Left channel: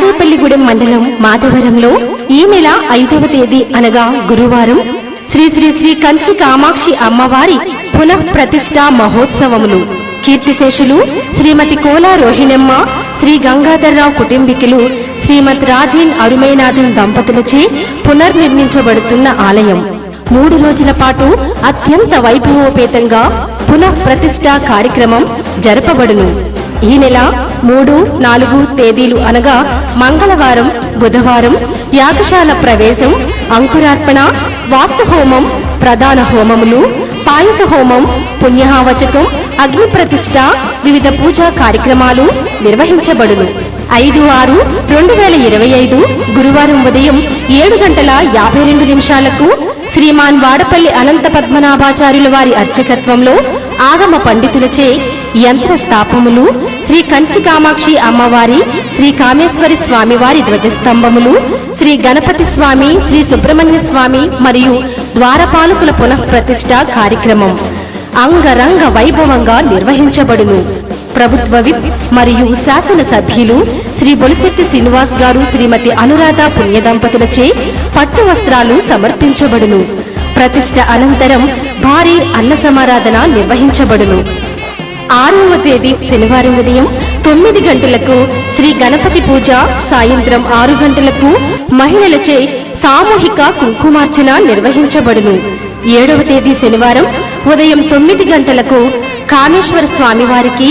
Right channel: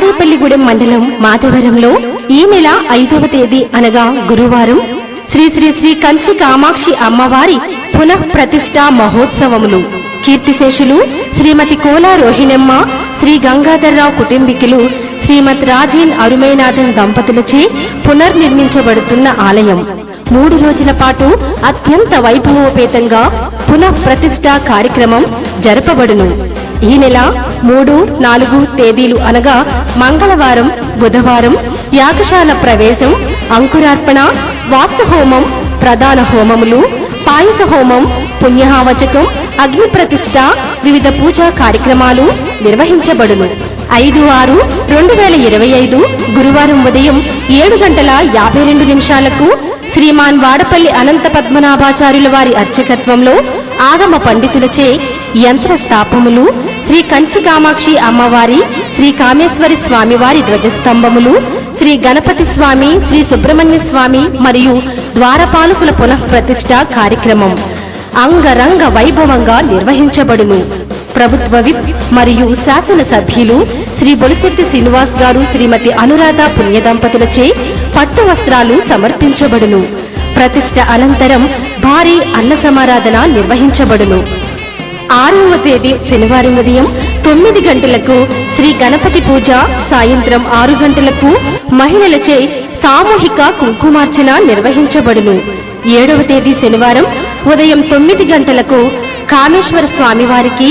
తాడేపల్లిగూడెం మండలం మాధవరంలో ఈ నెల 5వ తేదీ అనగా గురువారం శ్రీ శ్రీ శ్రీ కంచి కామాక్షి అమ్మవారి పునః ప్రతిష్ఠా మహోత్సవములు కీర్తిశేషులు శ్రీమతి కోలా రోహిణమ్మ శ్రీ గంగాధర్రావు కుటుంబీకులు శ్రీమతి రాజీన్ అరుమేనాథన్ దంపతులచే పునర్నిర్మించబడుతున్న ఆలయం 3 రోజుల పాటు అత్యంత వైభవోపేతంగా పునః ప్రతిష్ఠా కార్యక్రమం జరపబడును. ఈ నెల 3, 4 తేదీలు అనగా మంగళవారం, బుధవారం యాగశాల ప్రవేశం, అంకురార్పణ, వాస్తుహోమం, ప్రధాన హోమములు, పాయస హోమం, పుణ్యహావచకం, అగ్ని ప్రతిష్ఠ, వివిధ పూజా కార్యక్రమాలు నిర్వహించబడును. 5/6/2025 గురువారం ఉదయం 7:52 శ్రీమాన్ వాడపల్లి అనంత పద్మనాభాచార్యుల వారి అర్చకత్వంలో ఆగమ పండితులచే యంత్ర స్థాపములు, శ్రీ కంచి కామాక్షి అమ్మవారి, శ్రీ కామేశ్వరి స్వామివారి ధ్వజస్తంభములు, శ్రీ గణపతి స్వామి, శ్రీ సుబ్రహ్మణ్య స్వామి మరియు ద్వారపాలకుల పునః ప్రతిష్ఠ కార్యక్రమం అంగరంగ వైభవంగా నిర్వహించబడును. ప్రభుత్వ విప్ మరియు శాసన సభ్యులు శ్రీ బొలిశెట్టి శ్రీనివాస్ గారు, శ్రీమతి అనురాధ పుణ్య దంపతులచే పట్టు వస్త్రాలు సమర్పించబడును. ప్రతిష్ఠ అనంతరం భారీ అన్న సమారాధన నిర్వహించబడును. 6వ తేదీ శనివారం ఉదయం 9 గంటలకు శ్రీ గణపతి పూజ, సాయంత్రం 6 గంటలకు మహిళలచే సామూహిక కుంకుమార్చన నిర్వహించబడును. 7వ తేదీ శనివారం ఉదయం 9 గంటలకు కామేశ్వర స్వామివారికి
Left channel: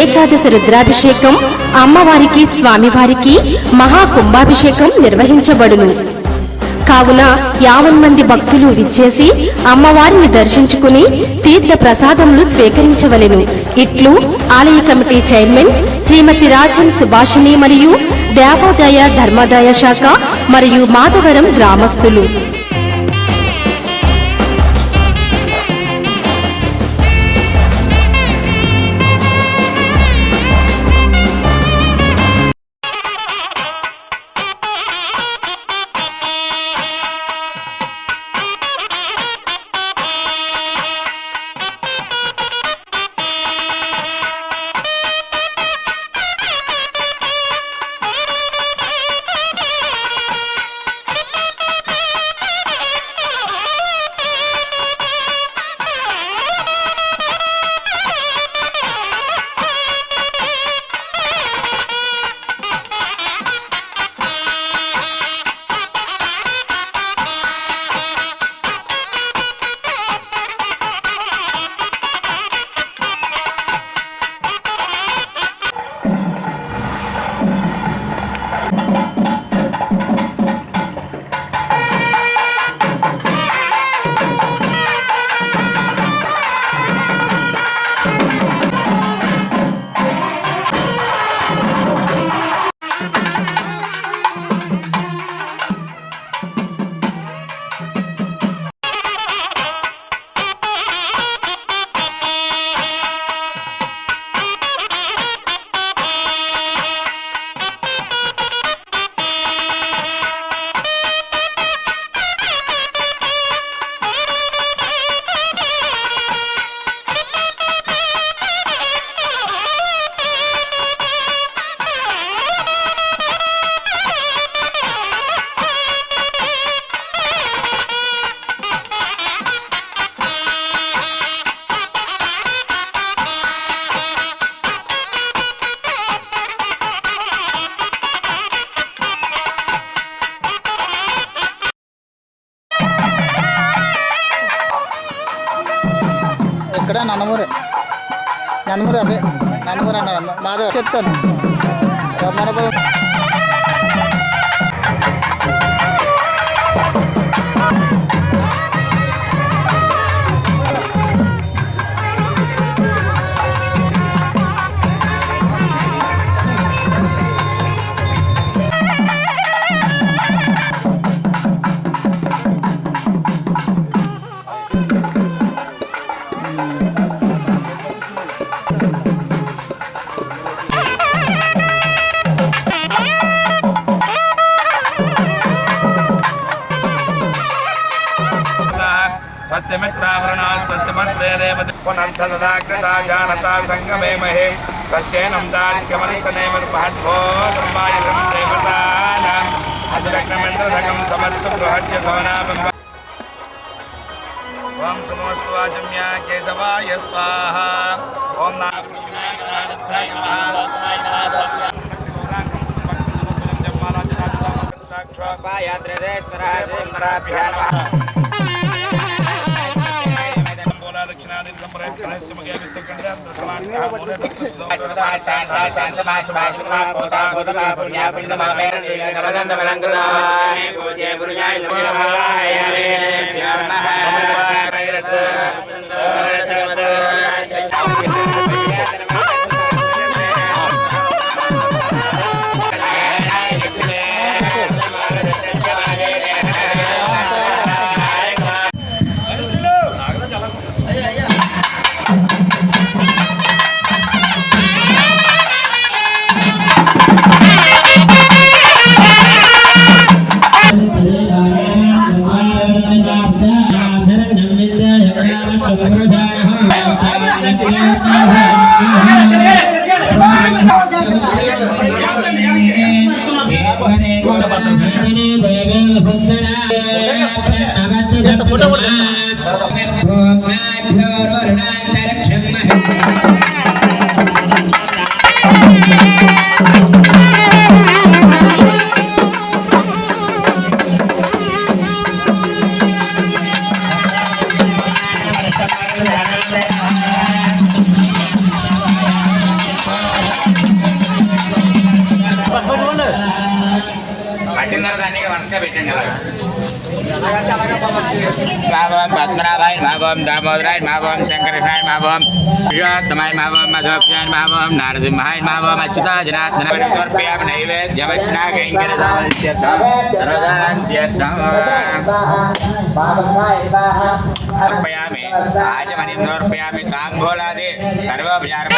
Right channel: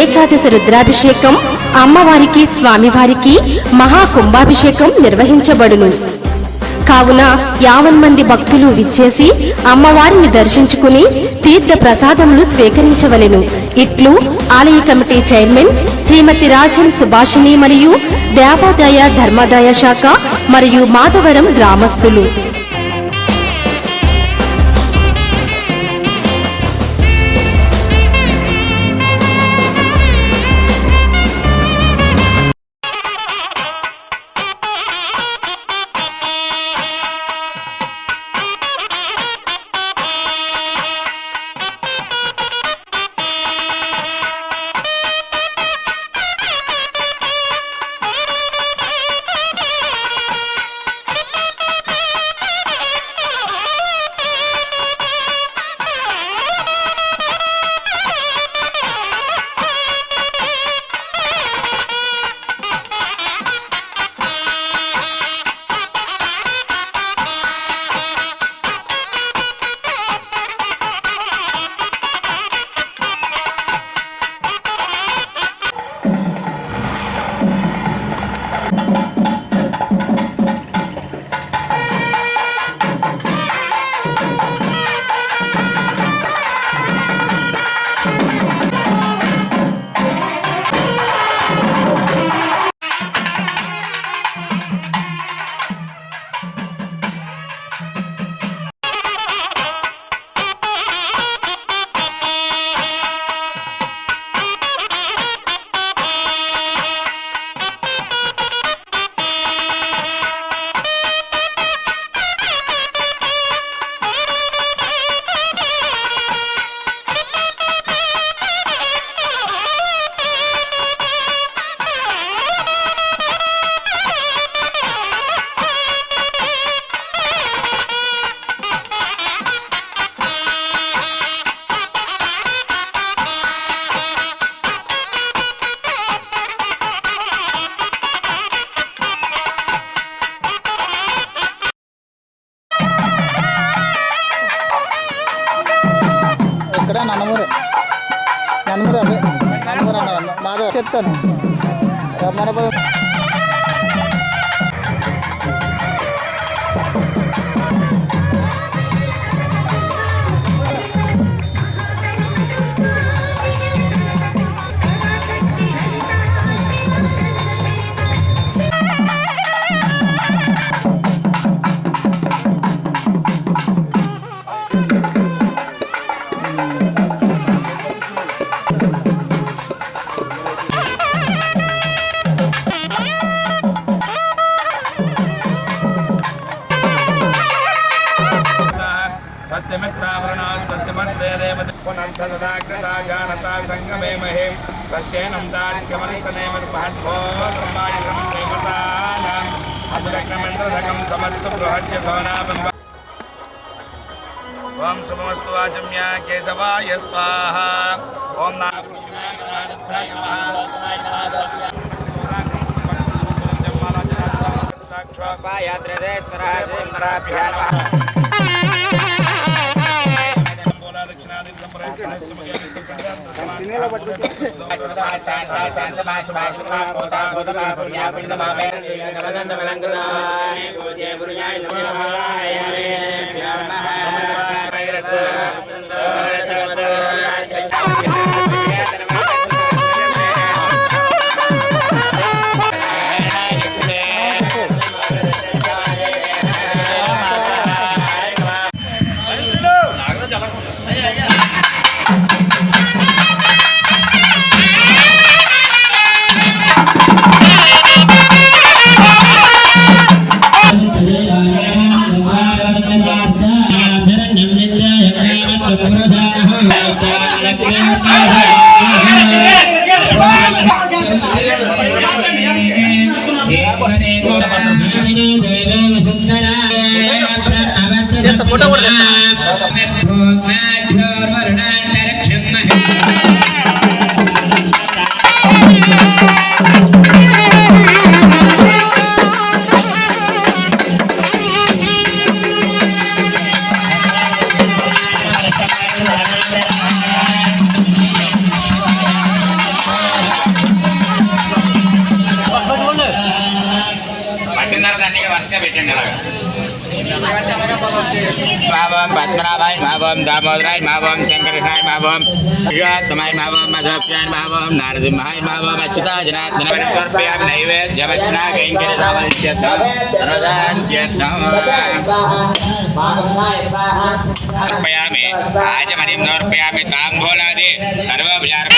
ఏకాదశి రుద్రాభిషేకం, అమ్మవారికి స్వామివారికి మహాకుంభాభిషేకం నిర్వహించబడును. కావున 50 మంది భక్తులు విచ్చేసి అమ్మవారిని దర్శించుకుని తీర్థ ప్రసాదములు స్వీకరించవలెను. ఇట్లు ఆలయ కమిటీ చైర్మన్ శ్రీమతి రాజన్ సుభాషిణి మరియు దేవాదాయ ధర్మాదాయ శాఖ మరియు మాధవరం గ్రామస్తులు. ఇక్కడ నందమూరి అదే నందమూరి అన్నారు మాధవ్ చెప్తాను రమణపదం. संगमे महे सच्चैनम दारिक्यमनितनेमन महद्भो ब्रह्माय దేవతానాం అసురగ్నమంత్రధకం సమత్సు బృహత్య సోనాపం ఓం శుభమస్తు వాచమ్య కేశవాయ స్వాహ ఓం ఫోటో కూడా భావం పద్మనాభాయ భావం దామోదరాయ భావం శంకరనాయ భావం ప్రియోత్తమాయ భావం మధోప్యాయ భావం నారసింహాయ భావం అచ్యుతా జనార్దనాయ సమర్పయామి నైవేద్యమర్చనా కైంకర్యదామనిత్యర్థం సర్వదాంత్యర్థం సమర్పయామి ఆచమనిం సమర్పయామి తాంబూలాది సర్వోపచారం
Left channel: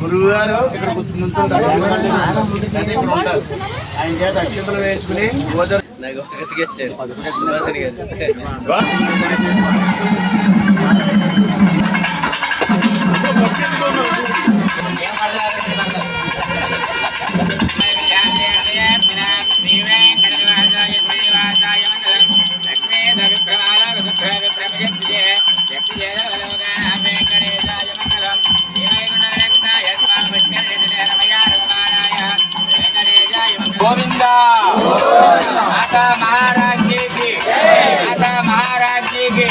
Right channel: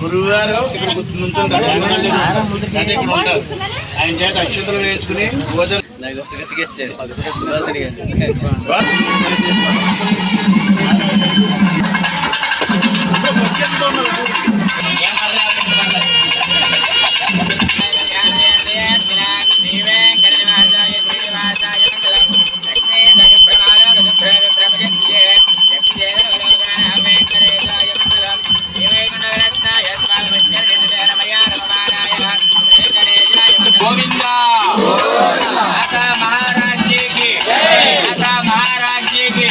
గురువుగారు ఇక్కడ నుంచుంటారు ఇక్కడ ఉంటారు ఆయన చేత అక్షంతలు వేయించుకుని భోజనం गोविंदा माता महाराज जी की माता महाराज जी की मे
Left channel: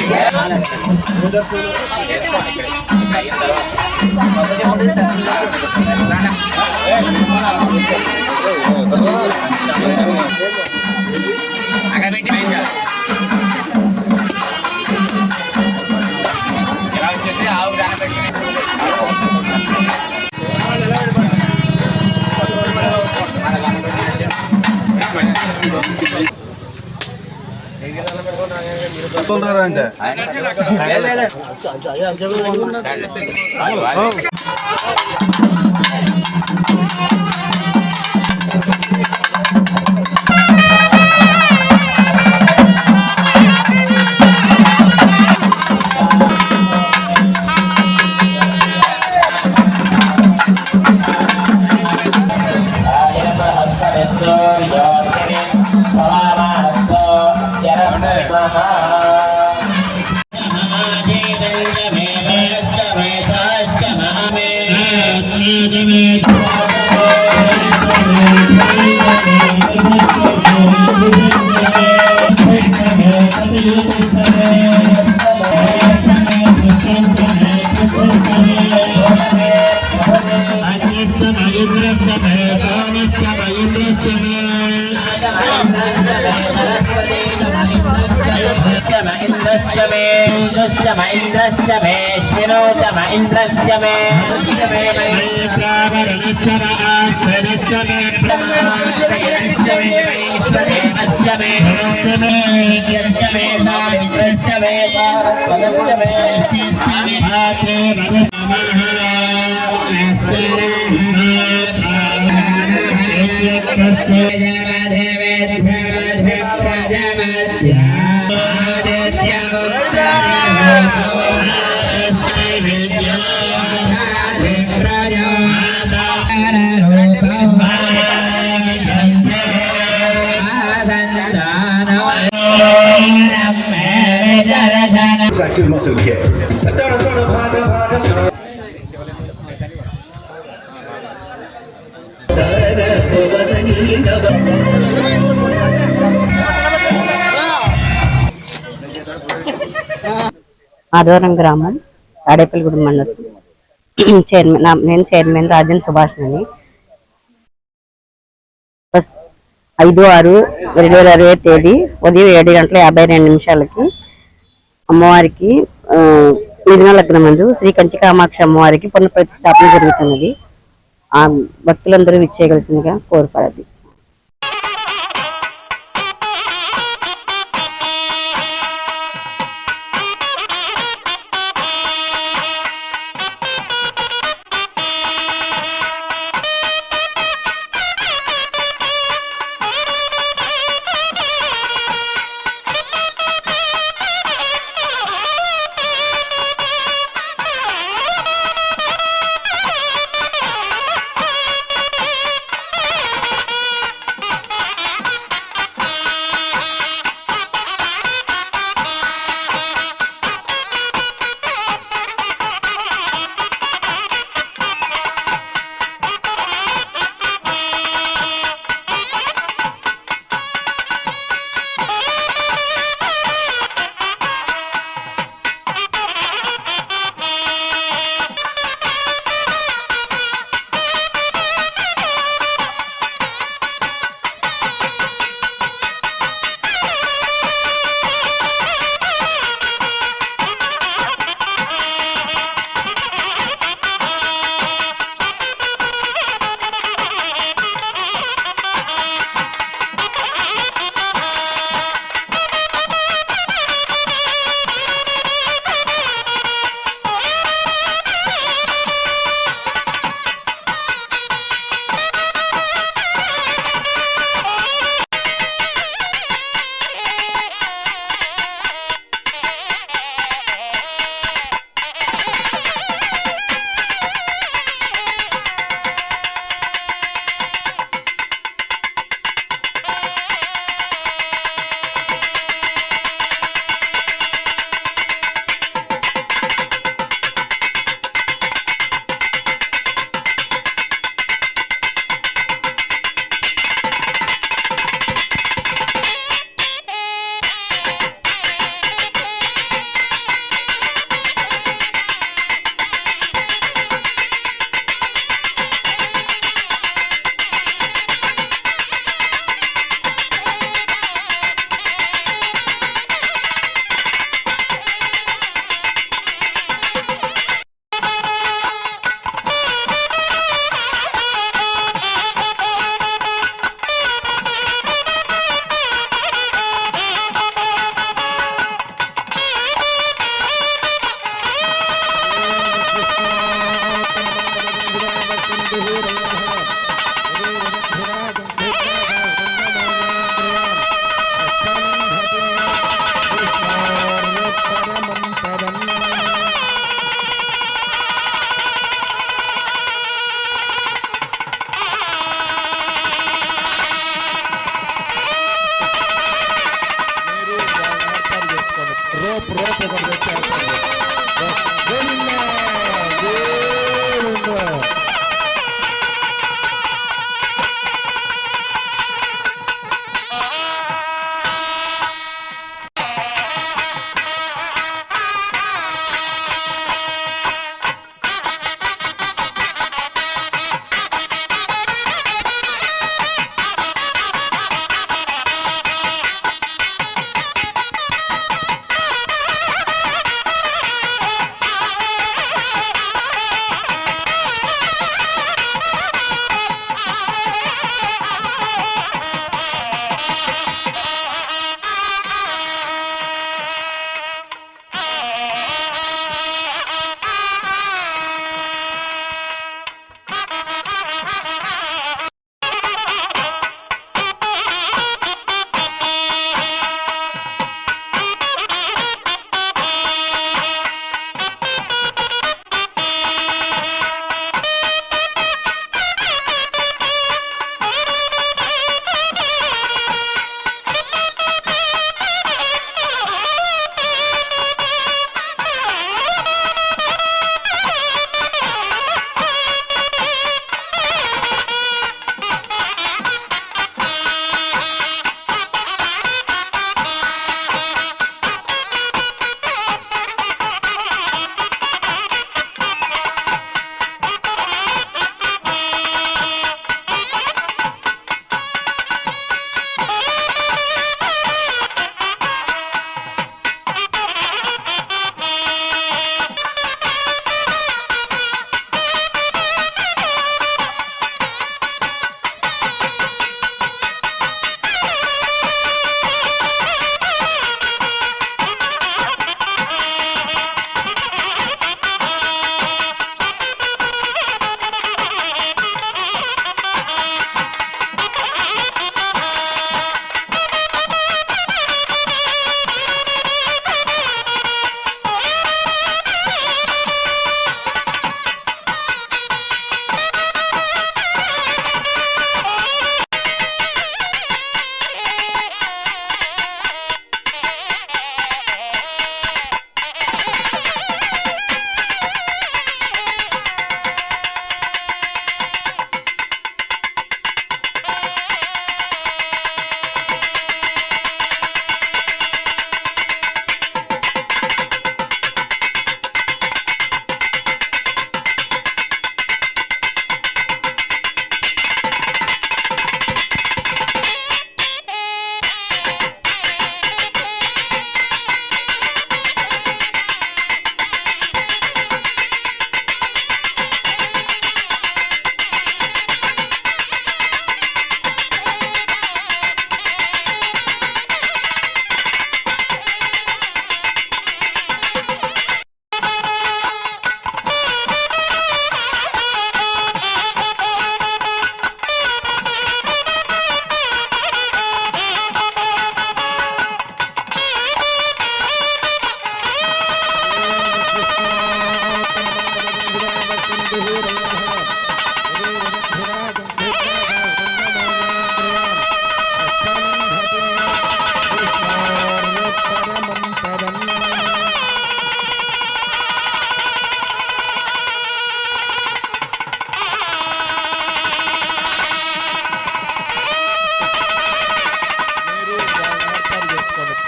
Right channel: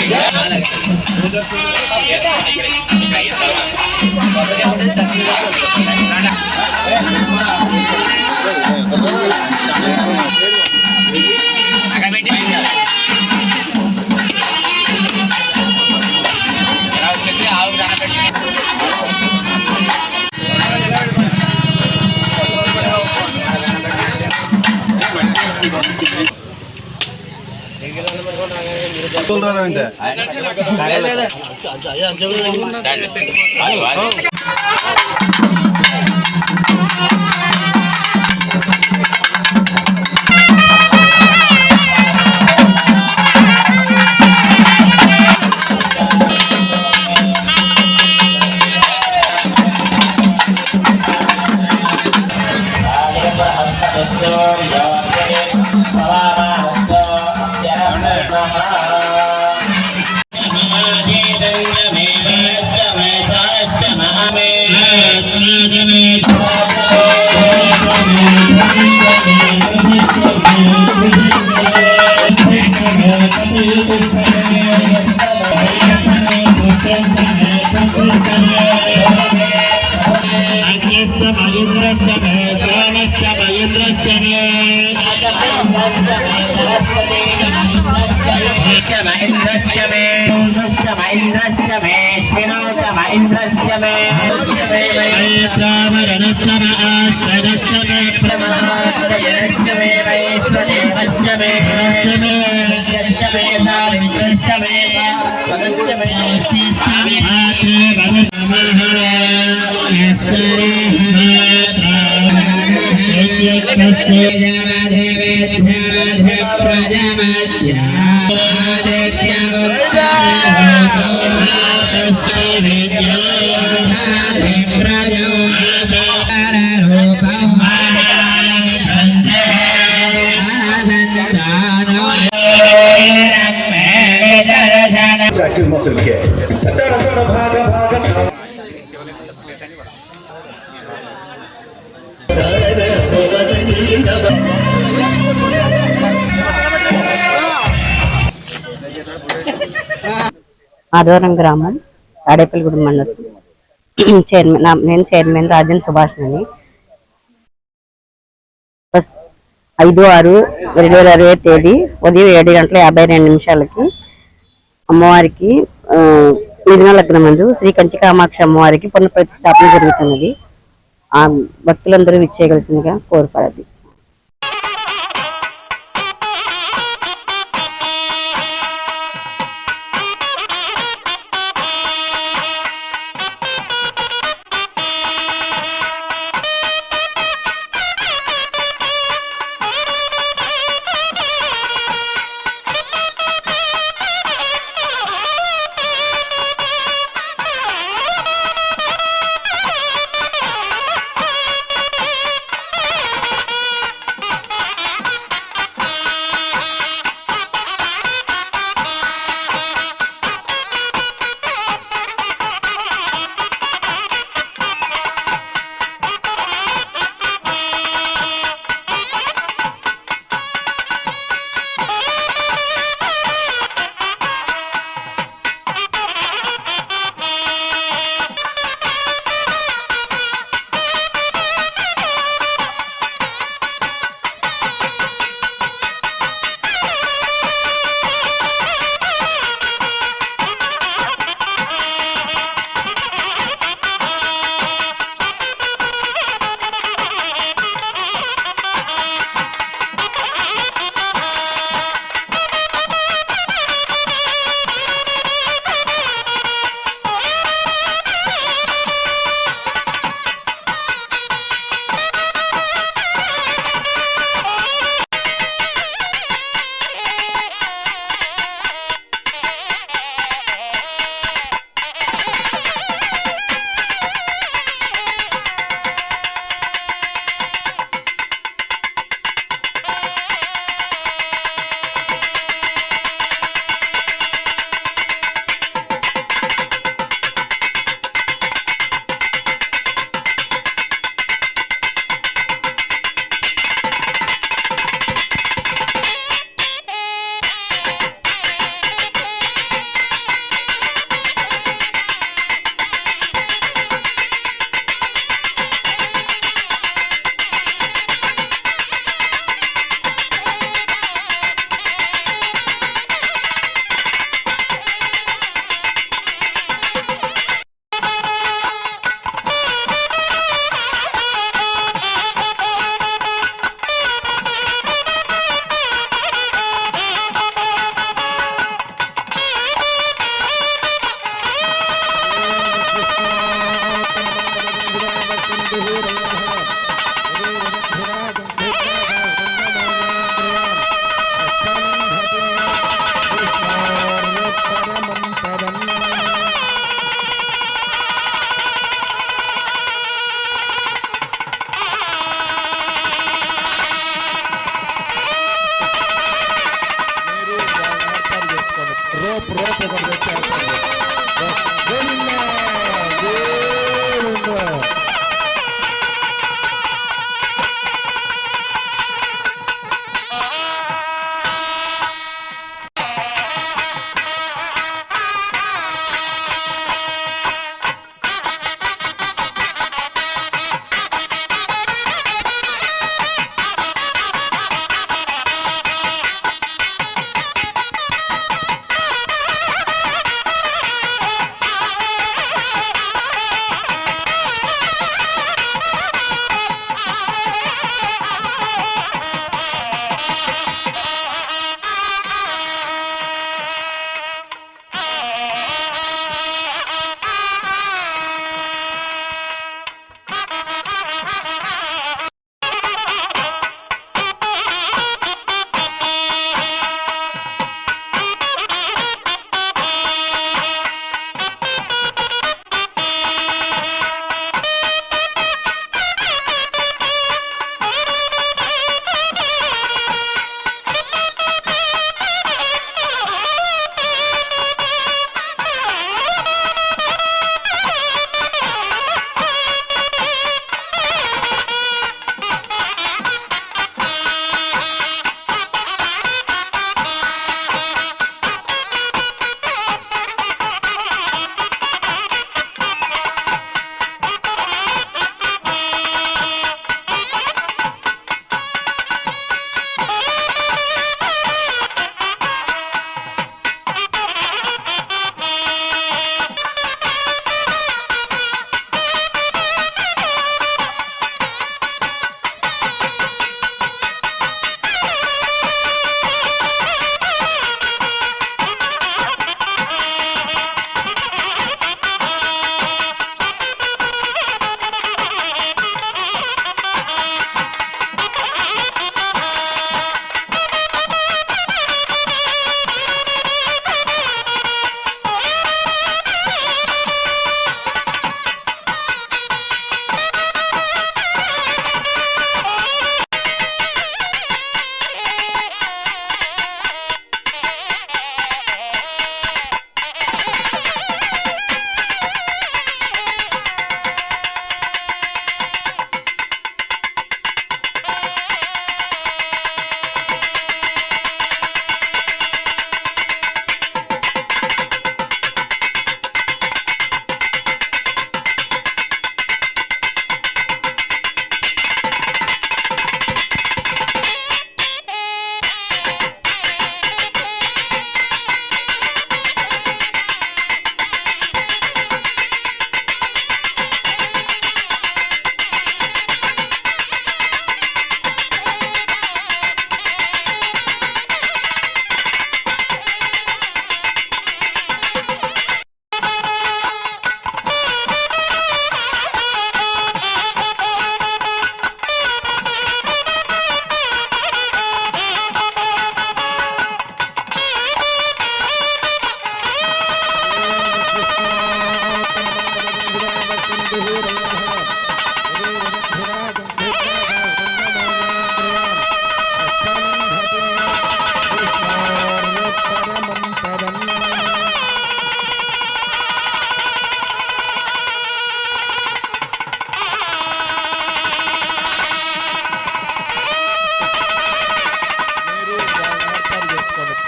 ఆదివారం గ్రామం తాడేపల్లిగూడెం మండలం చైర్మన్ నేను చైర్మన్ రాజన్ సుభాష్ అని 5/6/2020 తేదీ ఉదయం 7:52 అమ్మవారికి మిథున లగ్నం నందు శ్రీ కంచి కామాక్షి అమ్మవారికి పునఃప్రతిష్ఠాపన జరుగుతున్నది. ఆ భక్తులందరూ విచ్చేయవలసిందిగా కోరుపారది.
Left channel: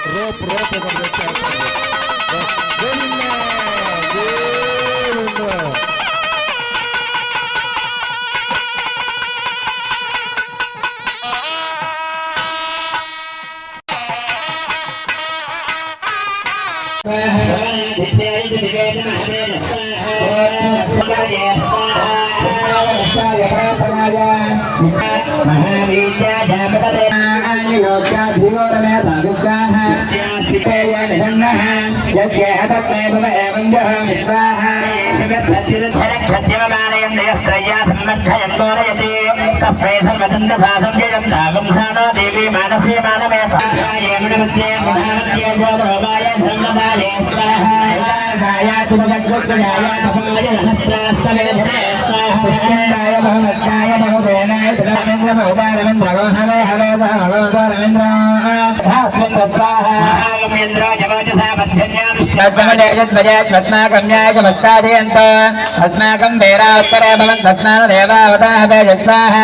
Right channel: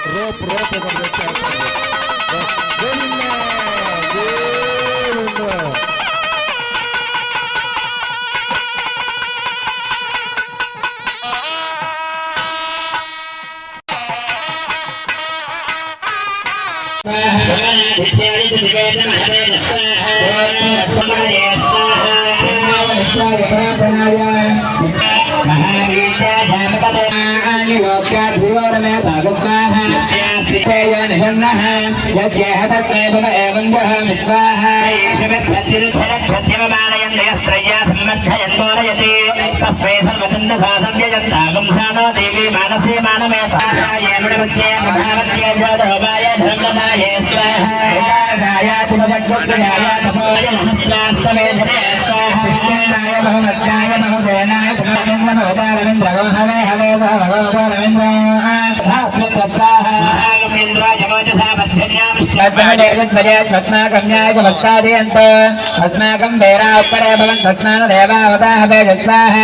రోప్ ఒకటి పెట్టారు. గోవిందా, గోవిందా. దేవి మానసే మానమే अस्माकं वेरात्तरे भवन् तस्मान् देवावताः वेजस्वाः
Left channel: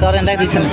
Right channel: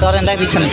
కవర్ ఎందాక తీసాను.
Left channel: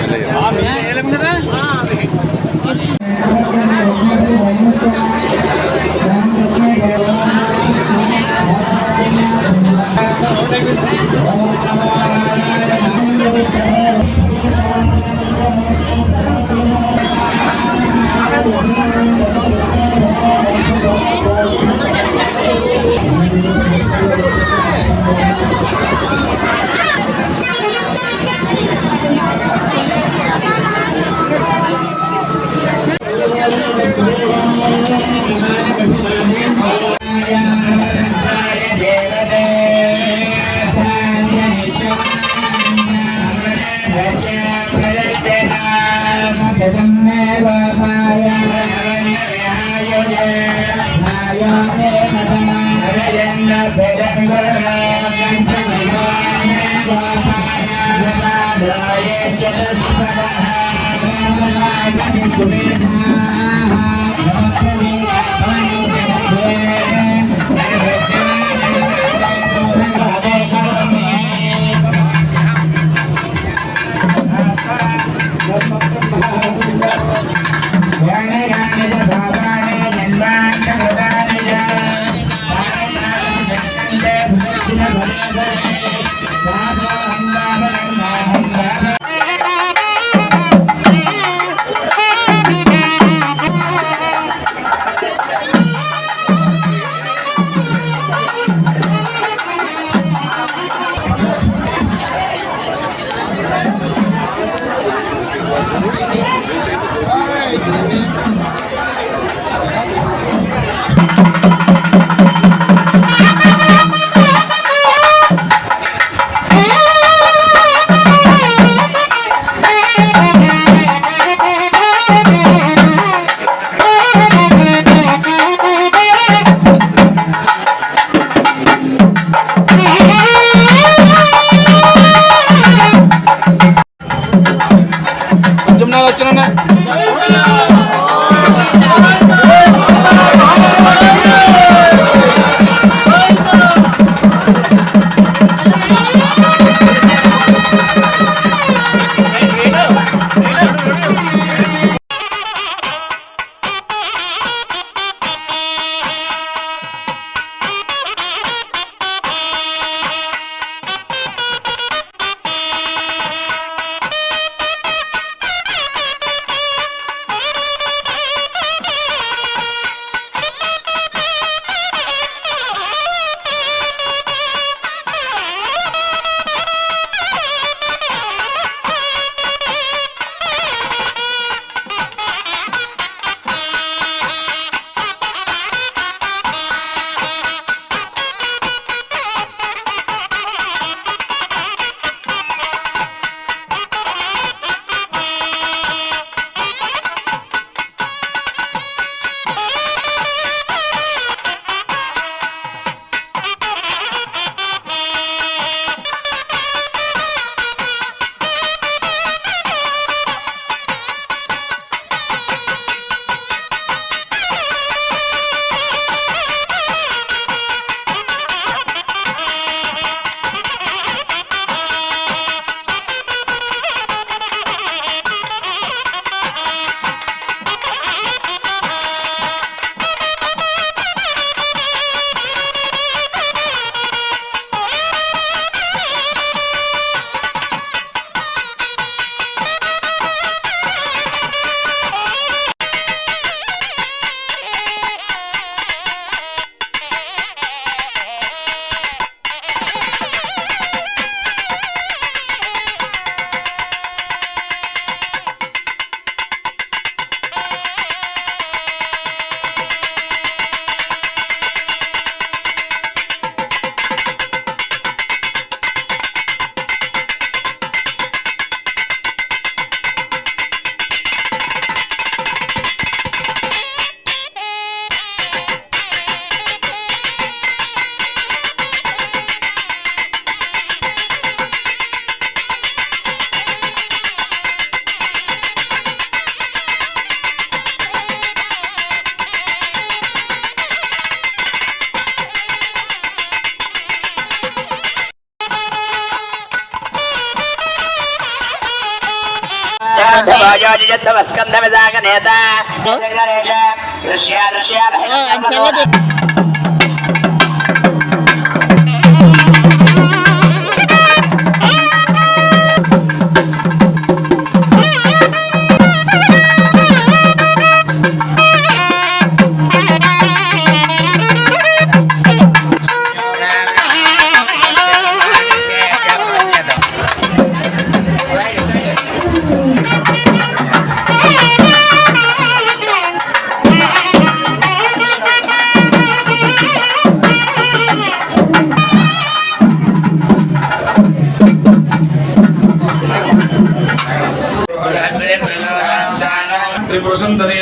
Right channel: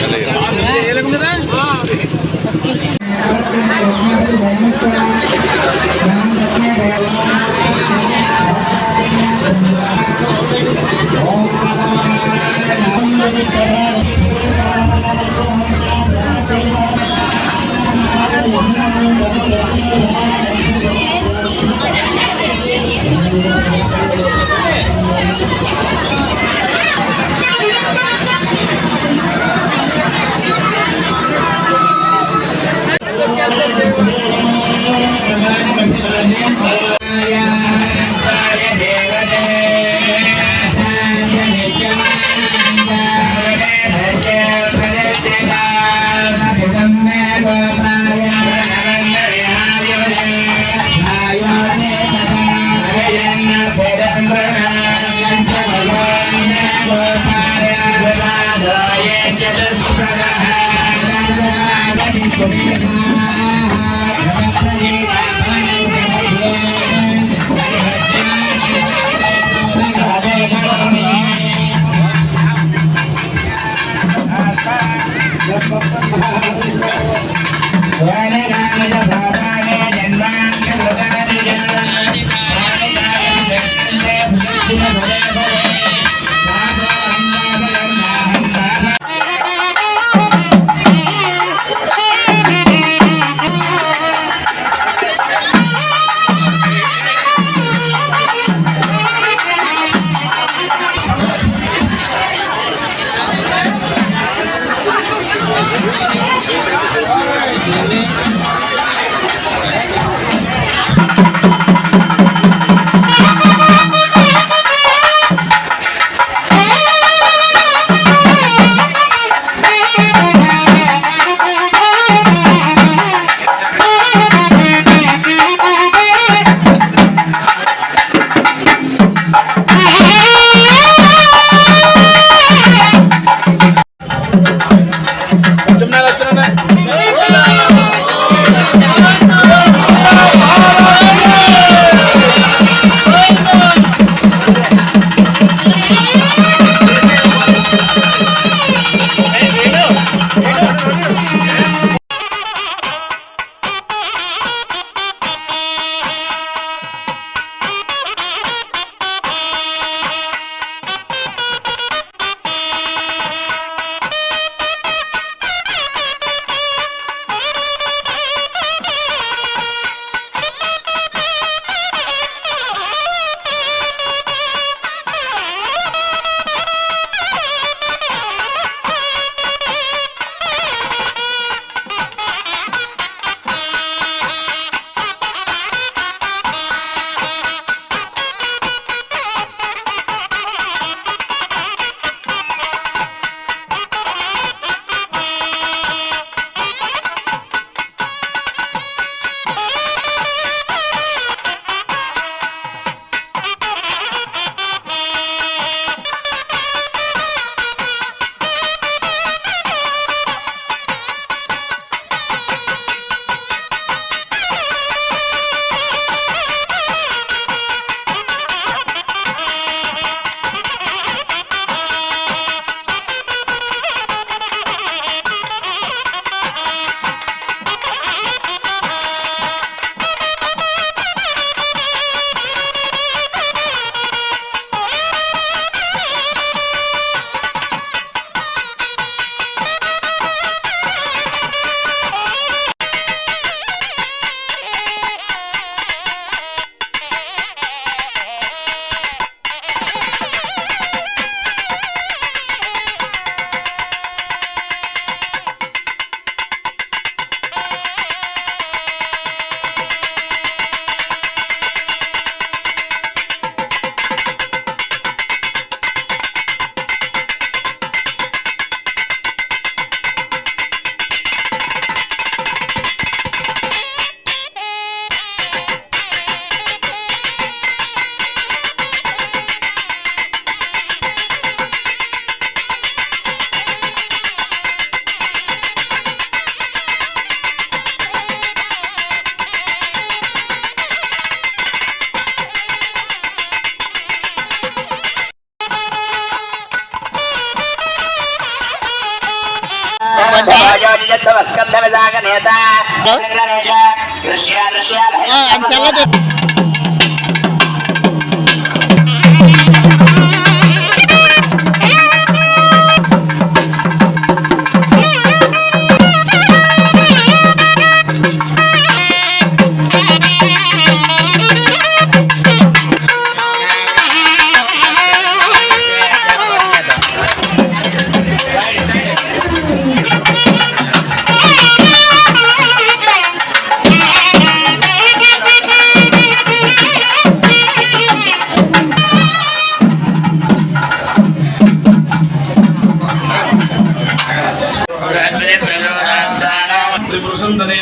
त्रिपुरसुंदरी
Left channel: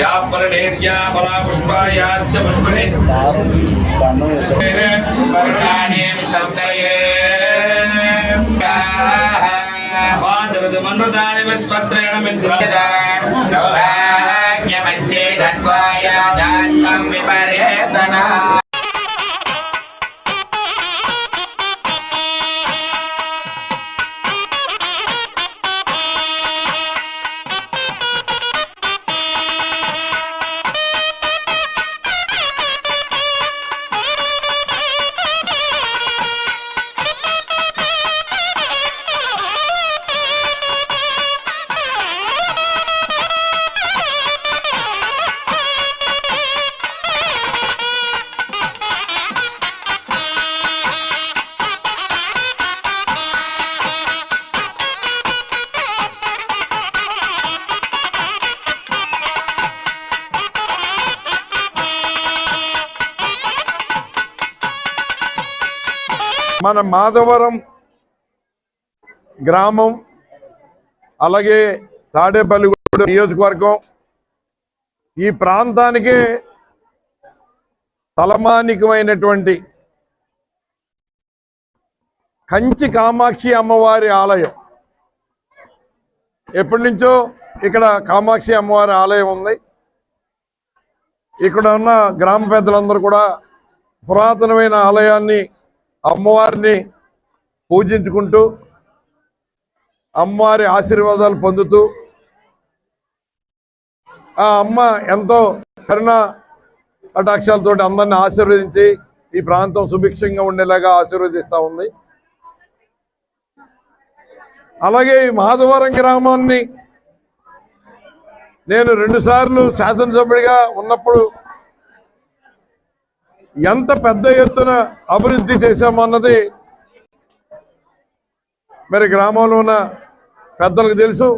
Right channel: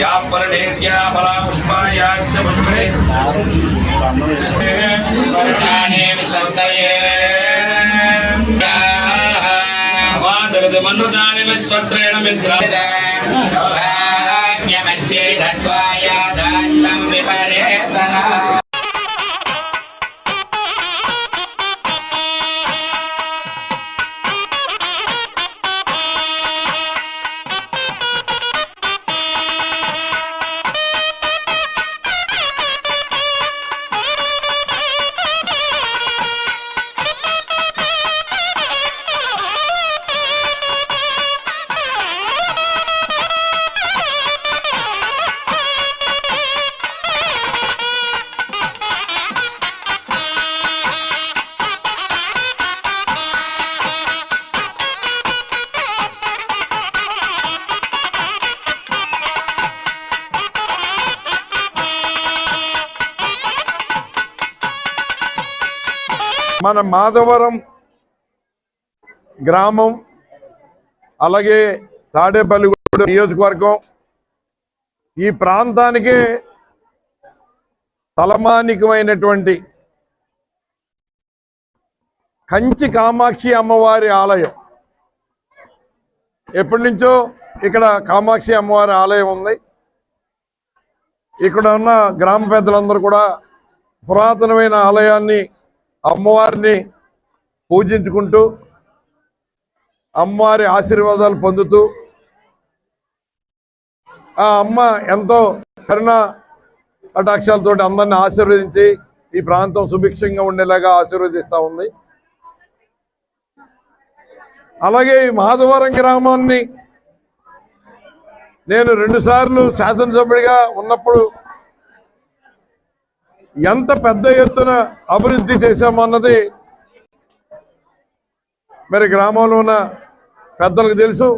या परनेर्या फला पुष्पायाश्च पुष्पणे वर्णानेम संस्थये वादरदमनुदानि विश्वत्रेण मित्रादा सौभाग्यमस्ये धत्वाय दास्तं विपर्येतना మన మాధవరం గ్రామం అలాగే తాడేపల్లిగూడెం నియోజకవర్గం ఈ ప్రాంతానికి తలమానికమైనటువంటి కంచి కామాక్షి అమ్మవారి ఆలయం. ఎప్పటి నుంచో ఇక్కడ కామాక్షి అమ్మవారి ఆలయం ఉంది. ఇక్కడ ఉన్న గ్రామ పెద్దలందరూ కూడా పురాతనమైన ఆలయాన్ని అమ్మవారిని పూజించుకుంటూ అమ్మవారి ఆశీర్వాదాలు పొందుతూ ఆ అమ్మ ఎంతో కరుణ కటాక్షాలతో అందరిని ఆశీర్వదించి ఈ ప్రాంతం సుభిక్షంగా ఉండేలాగా ఆశీర్వదిస్తూ ఉంది. అలాగే ఈ మాధవరం గ్రామాన్ని నేను 2 సార్లు శాసనసభ్యుడిగా ఉన్నప్పుడు ఎంత పెద్ద ఎత్తున అభివృద్ధి చేశామన్నది మరి గ్రామంలో ఉన్న పెద్దలకు తెలుసు,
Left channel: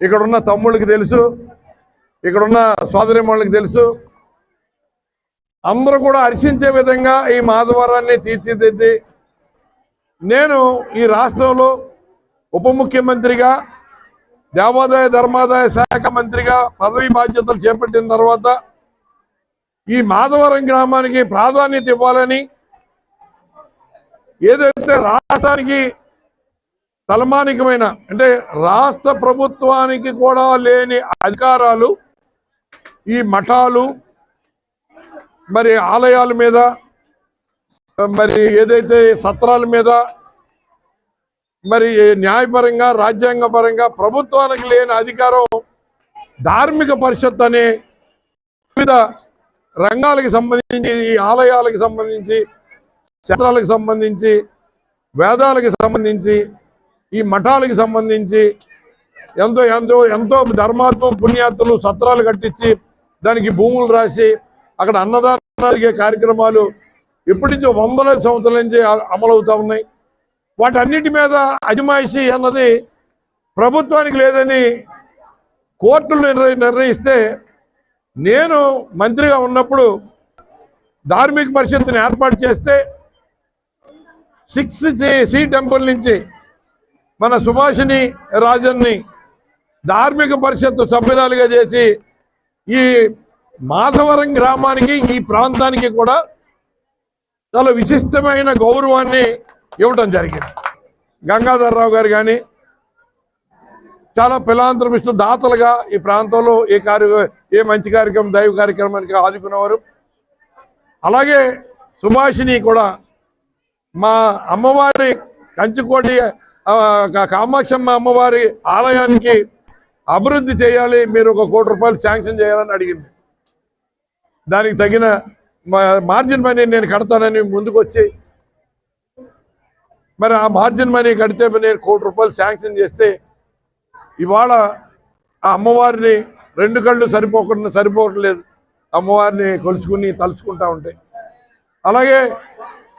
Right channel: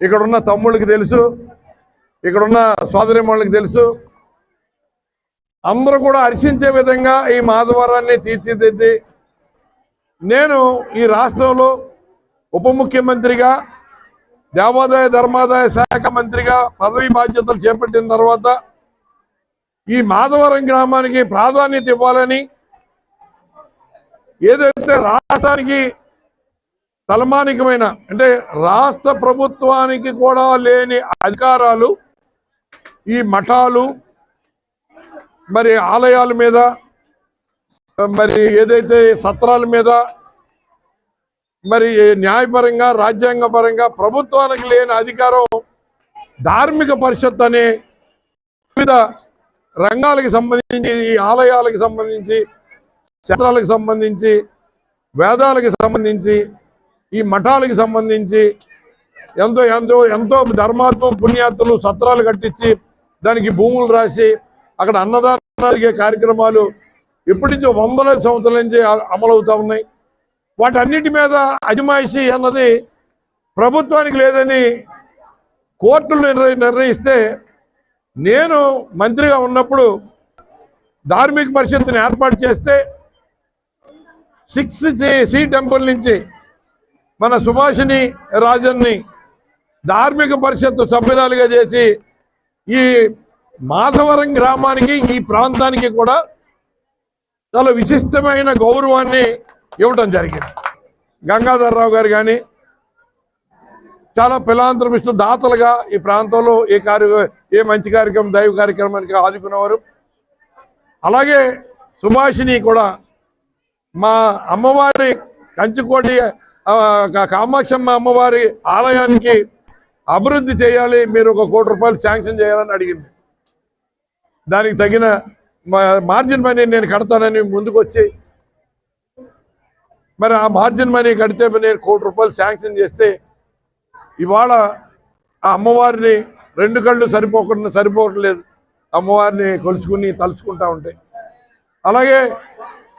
ఇక్కడున్న తమ్ముళ్ళకి తెలుసు, ఇక్కడున్న సోదరిమణులకు తెలుసు. అందరూ కూడా హర్షించే విధంగా ఈ మాధవరాన్ని తీర్చిదిద్ది నేను ఈ రాష్ట్రంలో ఉప ముఖ్యమంత్రిగా దేవాదాయ ధర్మాదాయ శాఖ మంత్రిగా పదవి బాధ్యతలు చేపట్టిన తర్వాత ఈ మాధవరం గ్రామానికి ప్రాధాన్యత ఇవ్వాలని, ఏదైతే రాష్ట్రానికి తలమానికమైన అంటే రాష్ట్ర ప్రభుత్వానికి కూడా లేని అధికారాలు ఈ మఠాలు మరి ఆలయాల మీద మరి ఏదైతే సత్రాల మీద మరి న్యాయపరంగా రాజ్యాంగపరంగా ప్రభుత్వానికి లేని అధికారం ధార్మిక పరిషత్ అనే వివిధ రంగాలకు సంబంధించి ఈ ఆలయాలకు సంబంధించి క్షేత్రాలకు సంబంధించి వేదాలకు సంబంధించి ఈ మఠాలకు సంబంధించి ఎంతో ఎంతో ఎంతో ధర్మాత్మ పుణ్యాత్తులు సత్రాలు కట్టించి దానికి భూములు రాసి అక్కడ అన్నదానాలు కార్యక్రమాలు ఇప్పటి నుంచి 100 సంవత్సరాల నుంచి అమలవుతూ ఉన్నాయి. వాటన్నిటి మీద అజమాయిషీ అన్నది ప్రభుత్వానికి లేదని కోర్టులు నిర్ణయిస్తే నేను మంత్రిగా ఉన్నప్పుడు ధార్మిక పరిషత్తుని ఏర్పాటు చేస్తే 6C టెంపుల్ నుంచి మన సుభాషిణి రాజన్ని ధార్మిక పరిషత్తు సభ్యురాలుగా చేసి ఈ మాధవరం గ్రామానికి ఈ ప్రాంతానికి కూడా చాలా విశిష్టమైన గౌరవాన్ని ఇవ్వటం జరిగింది. గంగాధర్రావు గారు కానీ చాలా ఫిలాంథ్రపిస్టులు దాతలుగా ఈ ప్రాంతంలో ఏ మంచి కార్యక్రమం దైవ కార్యక్రమానికి ఆదుకునేవారు. అలాగే సుభాషిని కూడా మా అమ్మవారి కంచుకోటి కామాక్షమ్మ అమ్మవారి ఆలయానికి అభివృద్ధి చేయాలి, మీరు 1 కోటి రూపాయలు శాంక్షన్ చేయాలని అడిగింది. దానికి తగిన మార్జిన్ మనీ నేను కడతానని ముందుకు వచ్చి, మరి ఆ మార్జిన్ మనీ కడితే నేను 1 కోటి రూపాయలు శాంక్షన్ చేస్తే ఇవాళ ఆ అమ్మవారిని 2 కళ్ళు సరిపోవట్లేదు, అమ్మవారిని కొలుచుకుని తలుచుకుంటా ఉంటాయి. అలాగే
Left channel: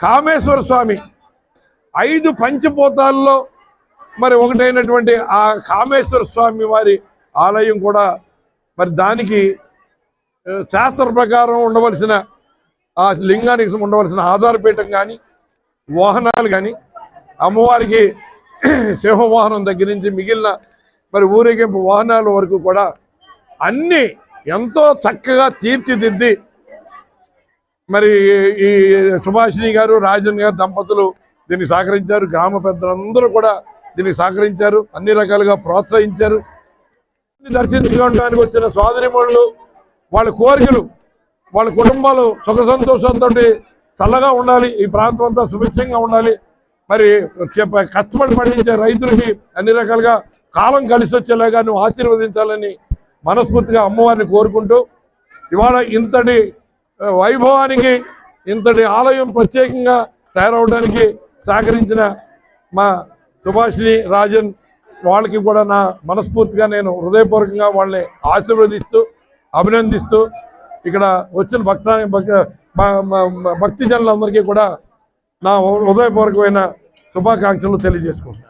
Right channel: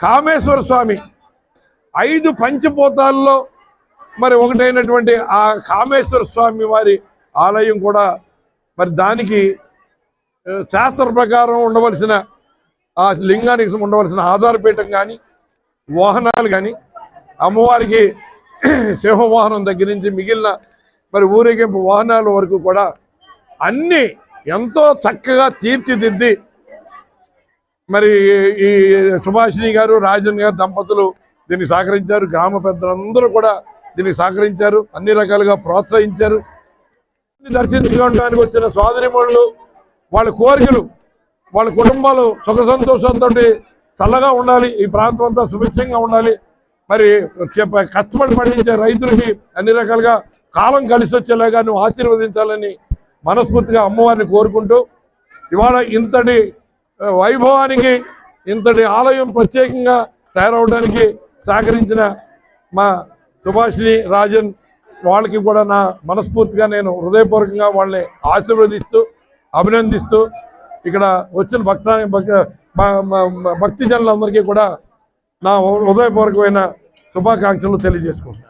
కామేశ్వర స్వామి 5 పంచభూతాల్లో మరి ఒకటైనటువంటి ఆ కామేశ్వర స్వామి వారి ఆలయం కూడా మరి దానికి శాస్త్ర ప్రకారం ఉండవలసిన ఆ లింగానికి ఉండవలసిన ఆధారపీఠం కానీ వాహనాలు కానీ అమ్మవారికి సింహవాహనం దగ్గర నుంచి మిగిలిన మరి ఊరేగింపు వాహనాల వరకు కూడా అన్నీ ఎంతో చక్కగా తీర్చిదిద్ది మరి ఈ సుభాషిణి గారు రాజన్ గారు దంపతులు దీనికి సహకరించారు. గ్రామ పెద్దలందరూ కూడా దీనికి సహకరించారు, అన్ని రకాలుగా ప్రోత్సహించారు. దర్శించుకోవడానికి వచ్చిన సోదరిమణులు వాళ్ళ కోరికలు, వాళ్ళ కుటుంబాలు సుఖ సంతోషంతో చల్లగా ఉండాలి, ఈ ప్రాంతం అంతా సుభిక్షంగా ఉండాలి, మరి కష్టపడి పండించే రైతులకి అన్ని రకాలుగా కాలం కలిసి వచ్చేలాగా నువ్వు ఆశీర్వదించాలని మనస్ఫూర్తిగా అమ్మవారిని కోరుకుంటూ ఇవాళ ఇంతటి వైభవానికి ఇంతటి ఆలయం ప్రత్యేకంగా తయారవడానికి సహకరించిన మా సుభాషిణి రాజన్ వాళ్ళకి కూడా నా మనస్ఫూర్తిగా నేను హృదయపూర్వకంగా వాళ్ళని ఆశీర్వదిస్తూ అభినందిస్తూ ఇక్కడ వచ్చిన భక్తి జనులందరికీ కూడా నా హృదయపూర్వకమైన శుభాకాంక్షలు తెలియజేసుకుంటున్నాను.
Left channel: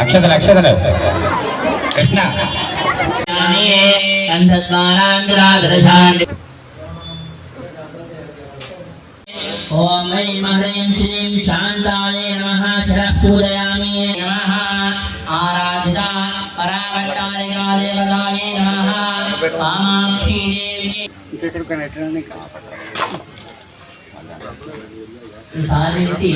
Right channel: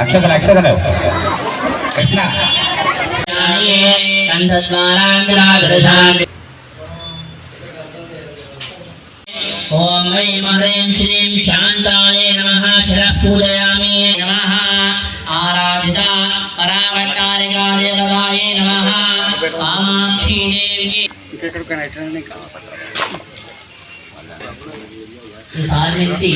అక్షతలు అక్షతలు కృష్ణ ఓం ఐం హ్రీం శ్రీం శాంతాయే నమః శరః పూజయామి నమః ఆరాధిత పరావట్టారికా దేవతాయే నమః కామాక్షి దేవి సాధించి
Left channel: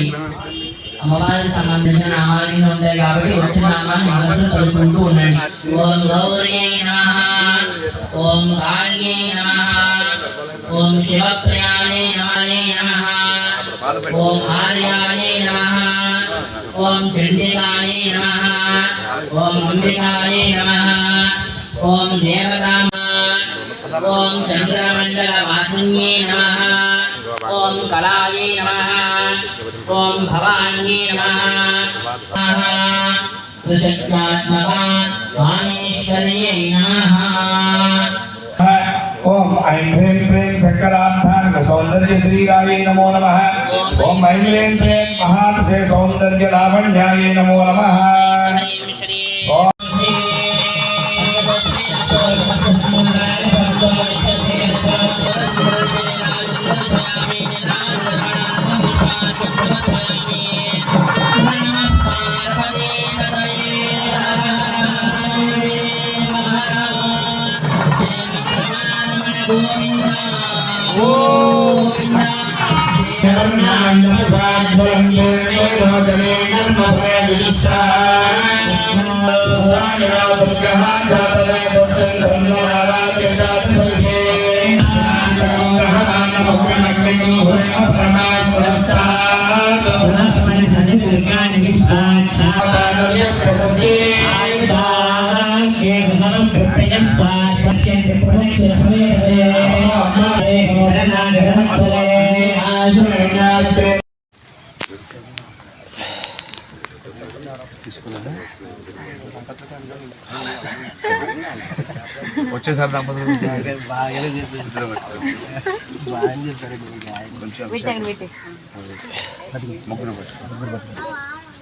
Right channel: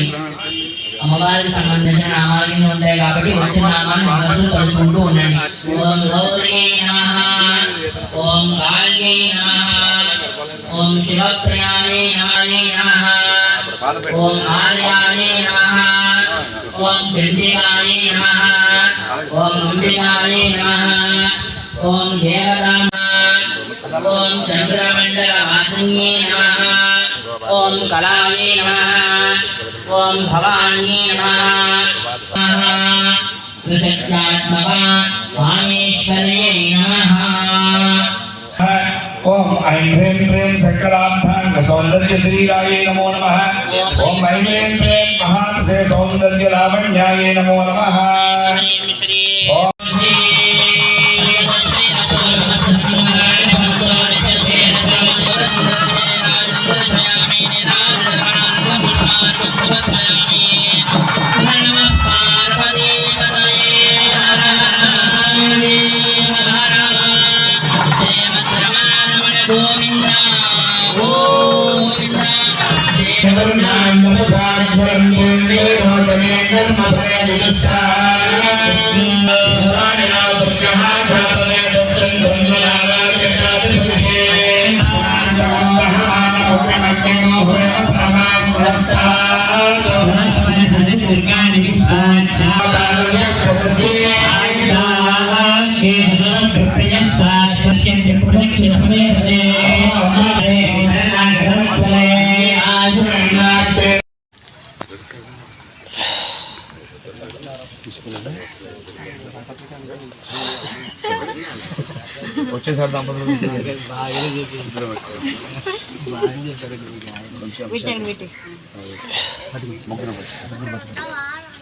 అమ్మవారికి సంబంధించిన నామాలు కింద ఉంటాయి కాబట్టి వచ్చిన నామాన్ని మనసులో తలుచుకుంటూ ఉండండి. ఓం గౌరీ నమః, ఓం కాళ్యై నమః, ओम शिवप्रियाय नमः ओम आर्याय नमः ओम चंडिकाय नमः ओम अंबिकाय नमः ओम देवताय ओम चंद्रमंडलवासिन्ये नमः ओम कलाय नमः ओम भवान्ये नमः सुशक्त्यात्मका कामेश्वर्यै नमः ओम ऐं ह्रीं श्रीं शंकराभ्यां सौंदर्य श्रीराय नमो नमः ओम ऐं ह्रीं श्रीं महासे सौंदर्य लावण्याय नमो नमः ओम వచ్చేసారి దంపతులు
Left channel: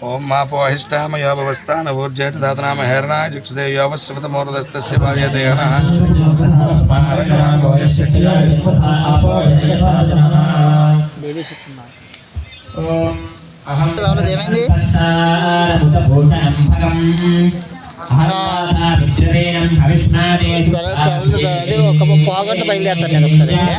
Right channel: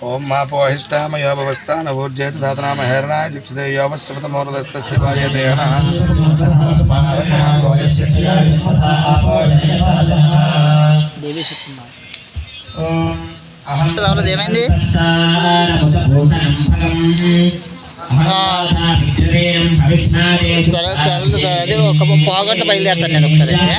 ఓం మాపోహిష్టామయోభవస్థానభూర్జేత దాతనామహేరణాయ జిక్షుదేవ్యోవస్వతమోరదస్తస్య భార్యదేహ ఏమైంది? సరే అది ఒక పావుగంట బయలుదేరుతాను నేను ఒకసారి అయితే.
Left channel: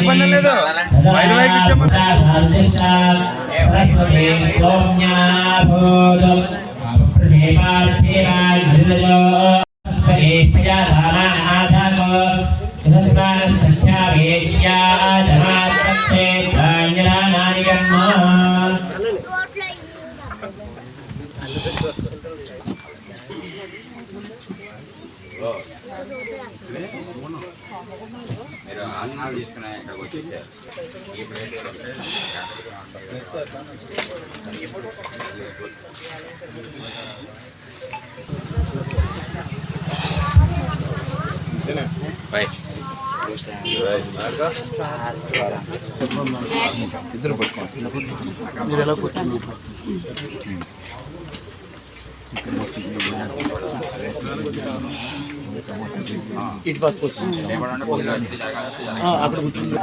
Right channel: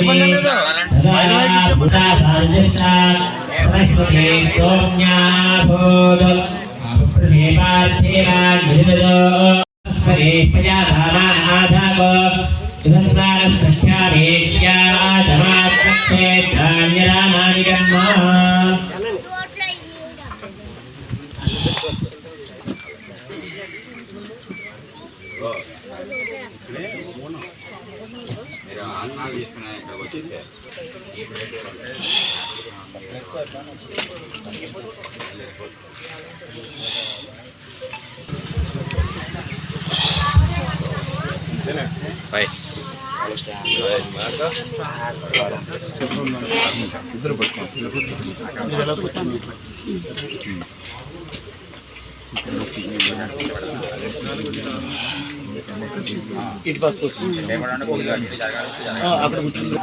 ఇబ్బంది లేదు. ఇద్దరు ఇటు పక్క అక్కడ కూర్చుంది.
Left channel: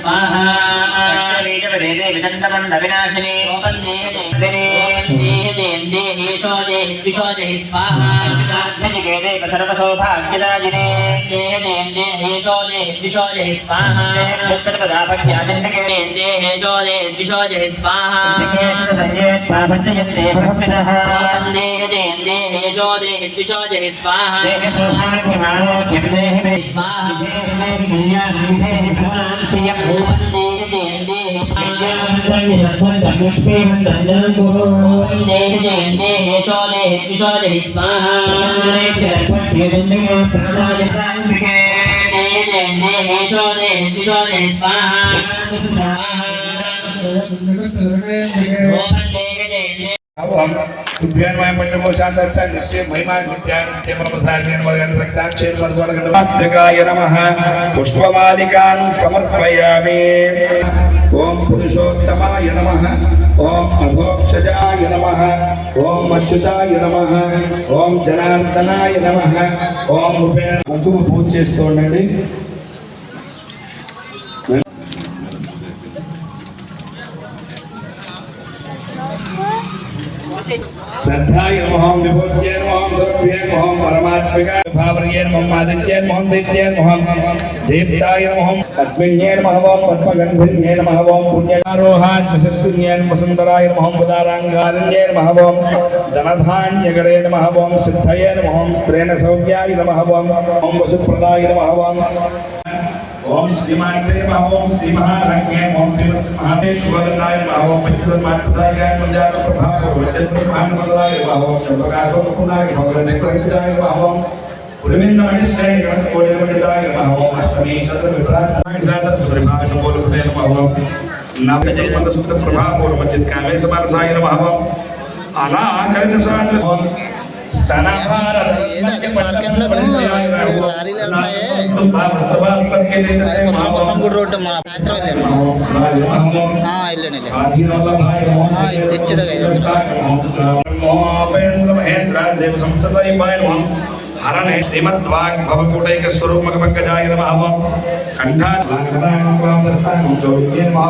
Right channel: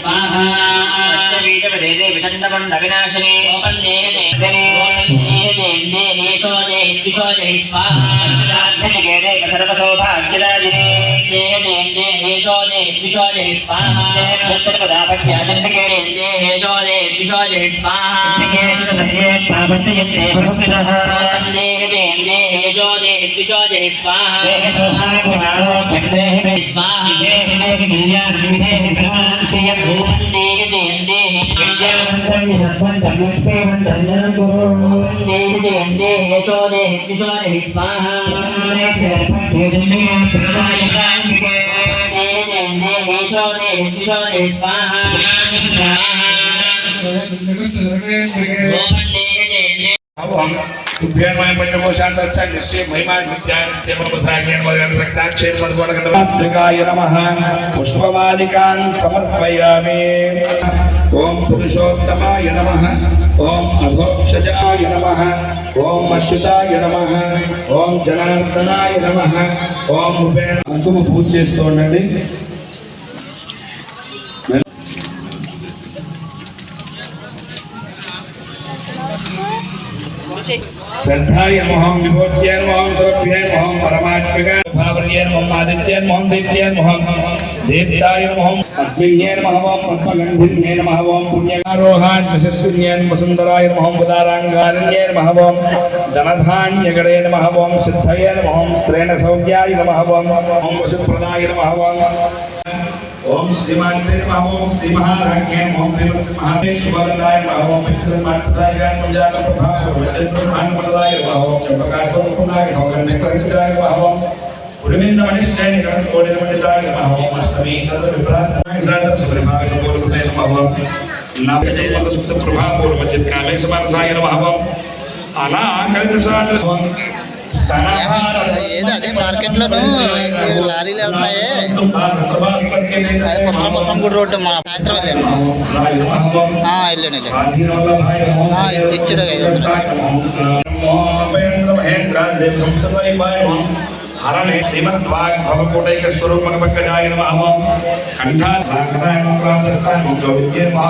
स्वाहा पुष्पमालिकान् समर्पयामि। ओम पुरुषोत्तमाय नमः। ओम अधोक्षजाय नमः। ओम अच्युताय नमः। ओम जनार्दनाय नमः। ओम కుంకుమ పూజ చేస్తూ ఉండండి। श्रद्धाय नमः। विभूत्यै नमः। सुरभ्यै नमः। परमात्मिकाय भावर्यै नमः। आदित्यै नमः। दैत्यै नमः। देवताय नमः। अस्मिन्यै नमः। पद्मगन्धिन्यै नमः। पुण्यकारोहाय यशस्विन्यै नमः। सुन्दराय नमः। उदाराङ्गारण्यै नमः। धनधान्यगणे नमः। सिद्धये नमः। स्त्रेण सौम्याय नमः। वसुप्रदाय नमः। ओम श्रीमान्ते नमः। ओम श्री महाराज्ञे नमः। श्रीमत्समहादेश्वराय नमः। ओम पवित्रमात्रदाय मंजाल प्रभाव ब्रह्मांडमदाय नमः। ओम प्रकाशोत्पन्नाय सौगन्धप्रहिताय नमः। पुरविंदमनिश्चय कोटिपंडिताय नमः। ओम अष्टमी चतुर्विप्रातनाय सादर सुप्रभात बोलते नमः। नवजय मंदस्मित प्रभाव और मजिद काले समानसाय नमः। अनाकलित सादर అదే మార్కెట్ లో లారీలు వెళ్తున్నాయి అది మొత్తం గుడి రోడ్డు మా సాయంత్రం వెళ్ళాను ఇచ్చాడు 500 हरणे श्रीमद्वाग् भवकोटैक स्वरूपमकपक्कजाय नमः। कंठानागरांगवादस्तान जोगिये नमः।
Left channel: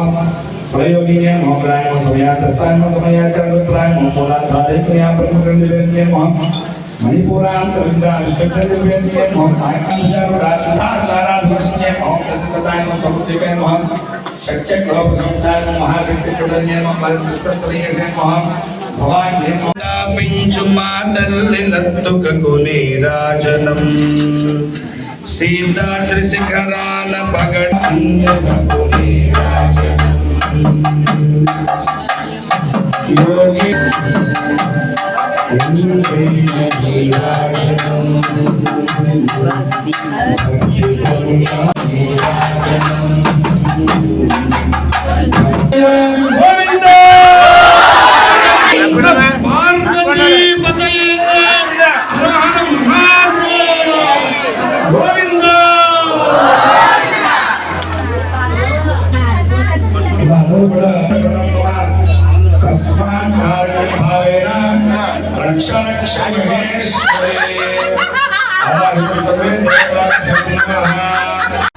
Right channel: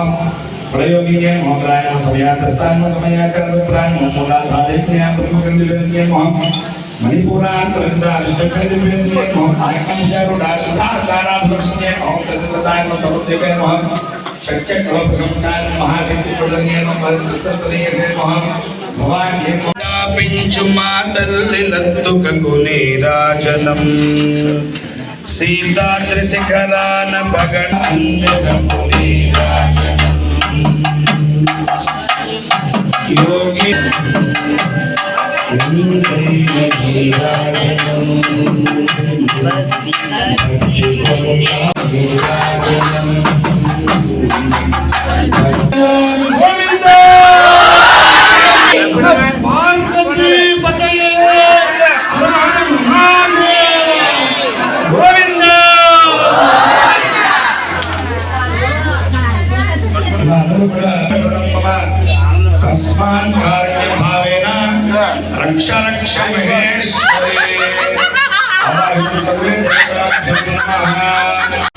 प्रयोगिये नमः। प्राय समयातस्तान समयाचरणप्राय मूलाधारित्या ब्रह्मकर्मविद्ये नमः। मणिपुरांतरितारिष्टकर्मविद्ये नमः। आयकंजारुडासुधा साराध्वस्ये नमः। तत्प्रदान समृद्धिके नमः। शक्यक्रोप संस्थान महासिद्धिप्रदन्ये नमः। परमस्तरीयसे नमः। भवान्ये पिंचुमा तल्लिलत्तुककुनीराजनम् सीताद्रिशिखरान पगडन्यकुनीराजनम् योगी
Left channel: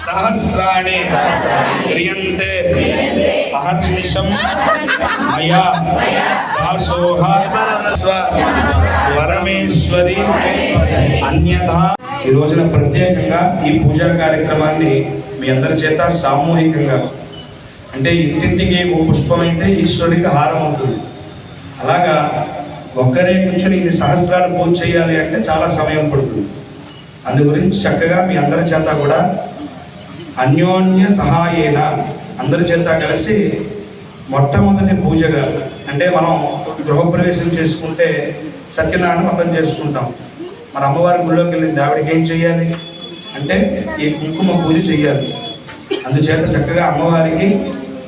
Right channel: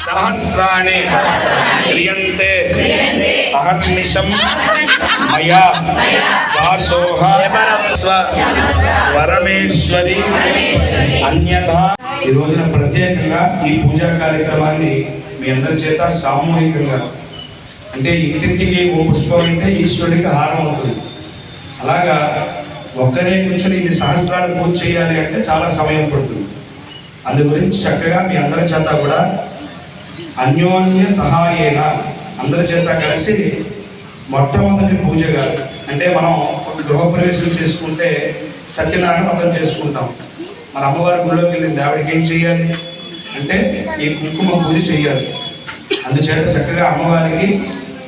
सहस्राणि क्रियन्ते अहर्निशं मया दासोह परमेश्वरी अन्यथा। ఈ రోజున ప్రత్యేకంగా ఈ పూజా కార్యక్రమాన్ని మీ అందరి చేత సామూహికంగా అంటే ఇంటింటికి ఓ పుష్పం అయితే ఈశ్వరుడికి హారం అవుతుంది. అలాగా ఒక్కరే కూర్చొని ఇన్ని సహస్రాలు పూజ చేయాలి అంటే చాలా సమయం పడుతుంది. అందు గురించి చక్కగా మీ అందరి చేత కూడా అన్యోన్య సహాయేన అందరి చేత కలిసి మొట్టమొదటి పూజగా అంటే మనం గృహప్రవేశం చేసుకుంటే సత్యనారాయణ వ్రతం చేసుకుంటాం. మన అమ్మవారి గుడిలోకి వెళ్ళింది ఆవిడకి ఏం చేయాలి అంటే ఈ కుంకుమ పూజ చేయాలి. అందుచేత చక్కగా అమ్మవారికి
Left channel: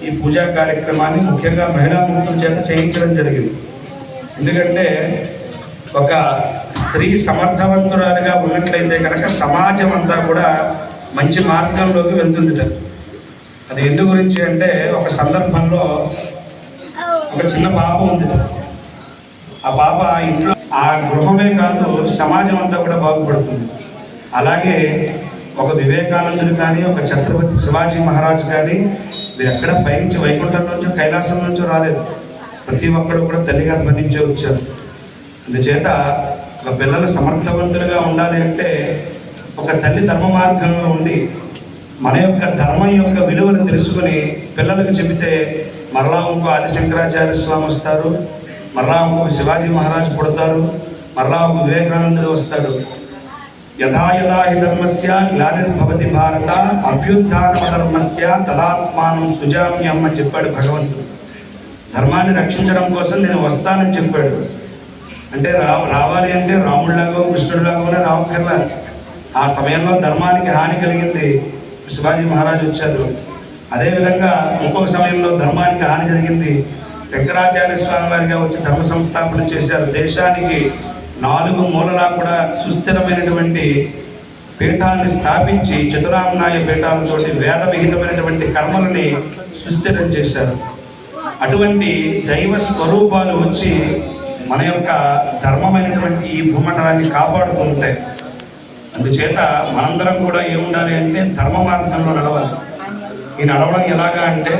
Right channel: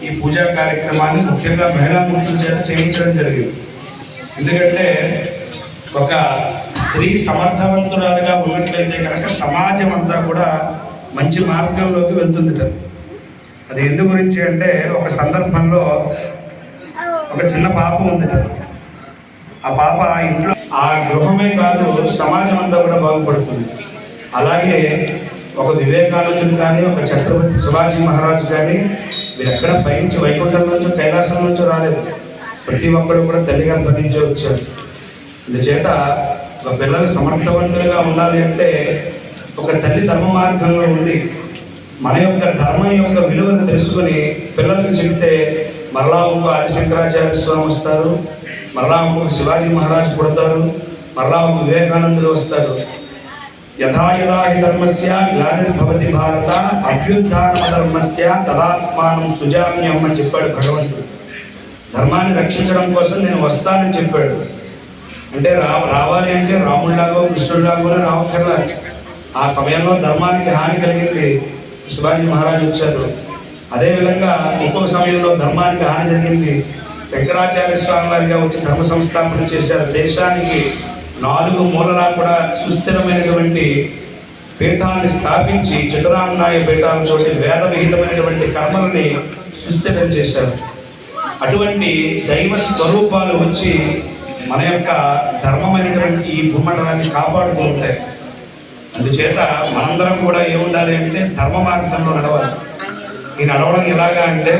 ఈ పూజా కార్యక్రమాన్ని ముఖ్యంగా మహిళామూర్తుల చేత చేయించడం జరిగింది. ఎందుకంటే ఒక స్త్రీ సమర్థవంతురాలుగా ఉన్నట్లయితే కనుక సమాజం అంతా కూడా మంచి మార్గంలోకి వెళ్తుందిట. అది ఎందు గురించి అంటే ఒక సందర్భంలో ఒక చిన్న పాప ఉందిట. ఆ పాప ఇంట్లో ఆ గృహమే కాదు సమాజం అంతా కూడా బాగుపడుతుంది. అలాగే ఒక వివేకానందుడు కానీ ఒక ఛత్రపతి శివాజీ మహారాజు కానీ వీరెక్కడ పైనుంచి వైకుంఠం నుంచో కైలాసం నుంచో రాలేదు. ప్రతి ఒక్కరు కూడా తల్లి గర్భం నుంచే వచ్చారు. అందుచేత ఒక పిల్లలు సమర్థవంతులుగా ఉండాలి అంటే ఒక తల్లి ధర్మ మార్గంలో ఉండి మన యొక్క ధర్మం యొక్క విలువను తెలుసుకుని పిల్లలకు చెబితే మరలా ఇంకో ఆదిశంకరాచార్య స్వామి వస్తారు, మరలా ఇంకొక శివాజీ మహారాజు పుడతారు, మరలా ఒక వివేకానందుడు వస్తారు. యథా యథా హి ధర్మస్య గ్లానిర్భవతి భారత అభ్యుత్థాన ధర్మస్య తదాత్మానం సుజామ్యం అని చెప్పాడు భగవంతుడు. ధర్మాన్ని రక్షించడం కోసం నేను వస్తానని చెప్పాడు. అంటే రావాలి అంటే రాముడిలాగో కృష్ణుడిలాగోనే రావక్కర్లా. ఆ సమయంలో ధర్మానికి హాని కలిగింది, శివాజీ మహారాజు వచ్చారు. అదేవిధంగా ఇంకొక సమయంలో ధర్మానికి హాని జరిగింది, శంకరాచార్య స్వామి వారిగా వచ్చి ధర్మ సంస్థాపన చేశారు. దేశానికి 4 మూలలా కూడా సుస్థిరమైనటువంటి పీఠాన్ని స్థాపించి చతురామ్నాయ పీఠాలతోటి వేద విహితమైనటువంటి కర్మలని సుస్థిరం చేశారు. అటువంటి దైవ స్వరూపాలు వచ్చి మన యొక్క ధర్మమైనటువంటి ఈ భూమండలాన్ని కాపాడుతూ ఉంటాయి. అందుచేత మనందరం కూడా ఏముండాలి అంటే ధర్మ మార్గంలో నడవాలి. ఈ నడవడం ఎలాగా అంటే,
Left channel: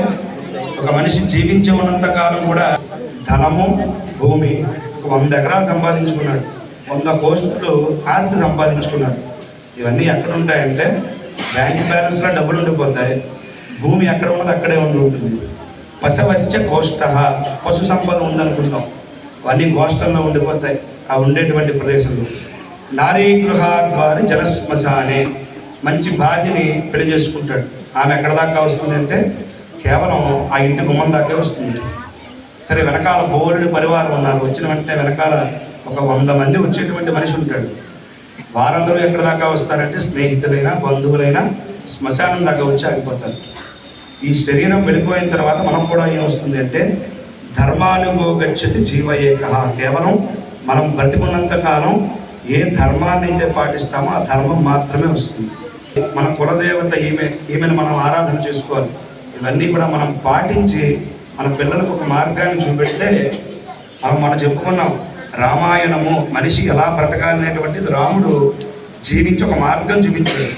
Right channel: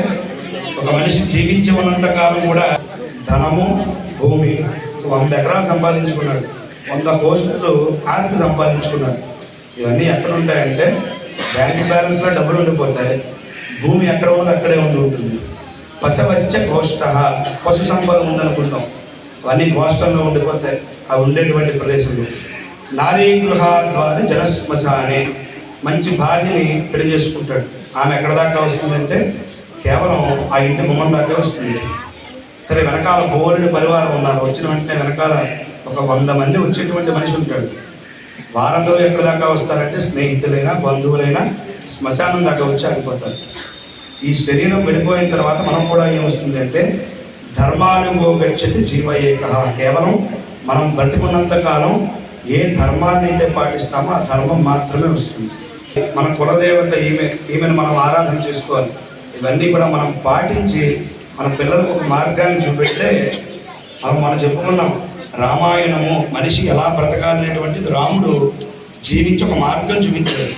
ఒక మనిషి జీవించి ఉన్నంత కాలం కూడా ధనము, భూమి 100 ఎకరాలు సంపాదించుకున్నాడు, 100 కోట్లు ఆస్తి సంపాదించుకున్నాడు. ఇవన్నీ ఎక్కడ ఉంటాయంటే బ్యాంక్ బ్యాలెన్స్లో డబ్బులు ఉండిపోతాయి. భూమి ఎక్కడ ఉన్నది అక్కడే ఉంటుంది. పశవశ్చ గోష్ఠ, పశు సంపద ఉందనుకుంటాం, అవన్నీ గోష్ఠంలో ఉండిపోతాయి ఆ ఉండేటువంటి ప్రదేశంలో. నారీ గృహాద్వారి జనశ్మశానే, మంచి భార్యని పెళ్లి చేసుకుంటాడు. ఆమె ఎక్కడ దాకా వస్తుందంటే కేవలం ఆ ఇంటి గుమ్మం దాకా వస్తుంది. సరే, వెనకాల బోలుడి పరివారం ఉన్నారు, వచ్చిన వెంటనే వెనకాల ఒక 100 మంది వచ్చేటువంటి మనిషి ఉంటాడు. వారందరూ ఎక్కడ దాకా వస్తారంటే స్నేహితులైనా బంధువులైనా శ్మశానం దాకా వచ్చి ఆగిపోతారు. ఈ శరీరం వెళ్ళిపోయిన తర్వాత మనం కూడా ఏమొస్తుంది అంటే ధర్మానుభోగచ్చతి జీవయేక, కేవలం మనం బ్రతికున్నంత కాలం ఏ ధర్మాన్ని అయితే పాటిస్తామో ఆ ధర్మం మాత్రమే వస్తుంది. మన కులదేవత ఈమెను మనం ఆరాధన చేసుకోవాలి. ఇవన్నీ కూడా మనం పాటించి మన పిల్లలకు ఒక మార్గాన్ని చూపెడితే, మనం చెప్పుకున్నాం రామాయణము మనిషి ఎలా బ్రతకాలనేటువంటిది రాముడు జీవించి ఒక మార్గం చూపించాడు.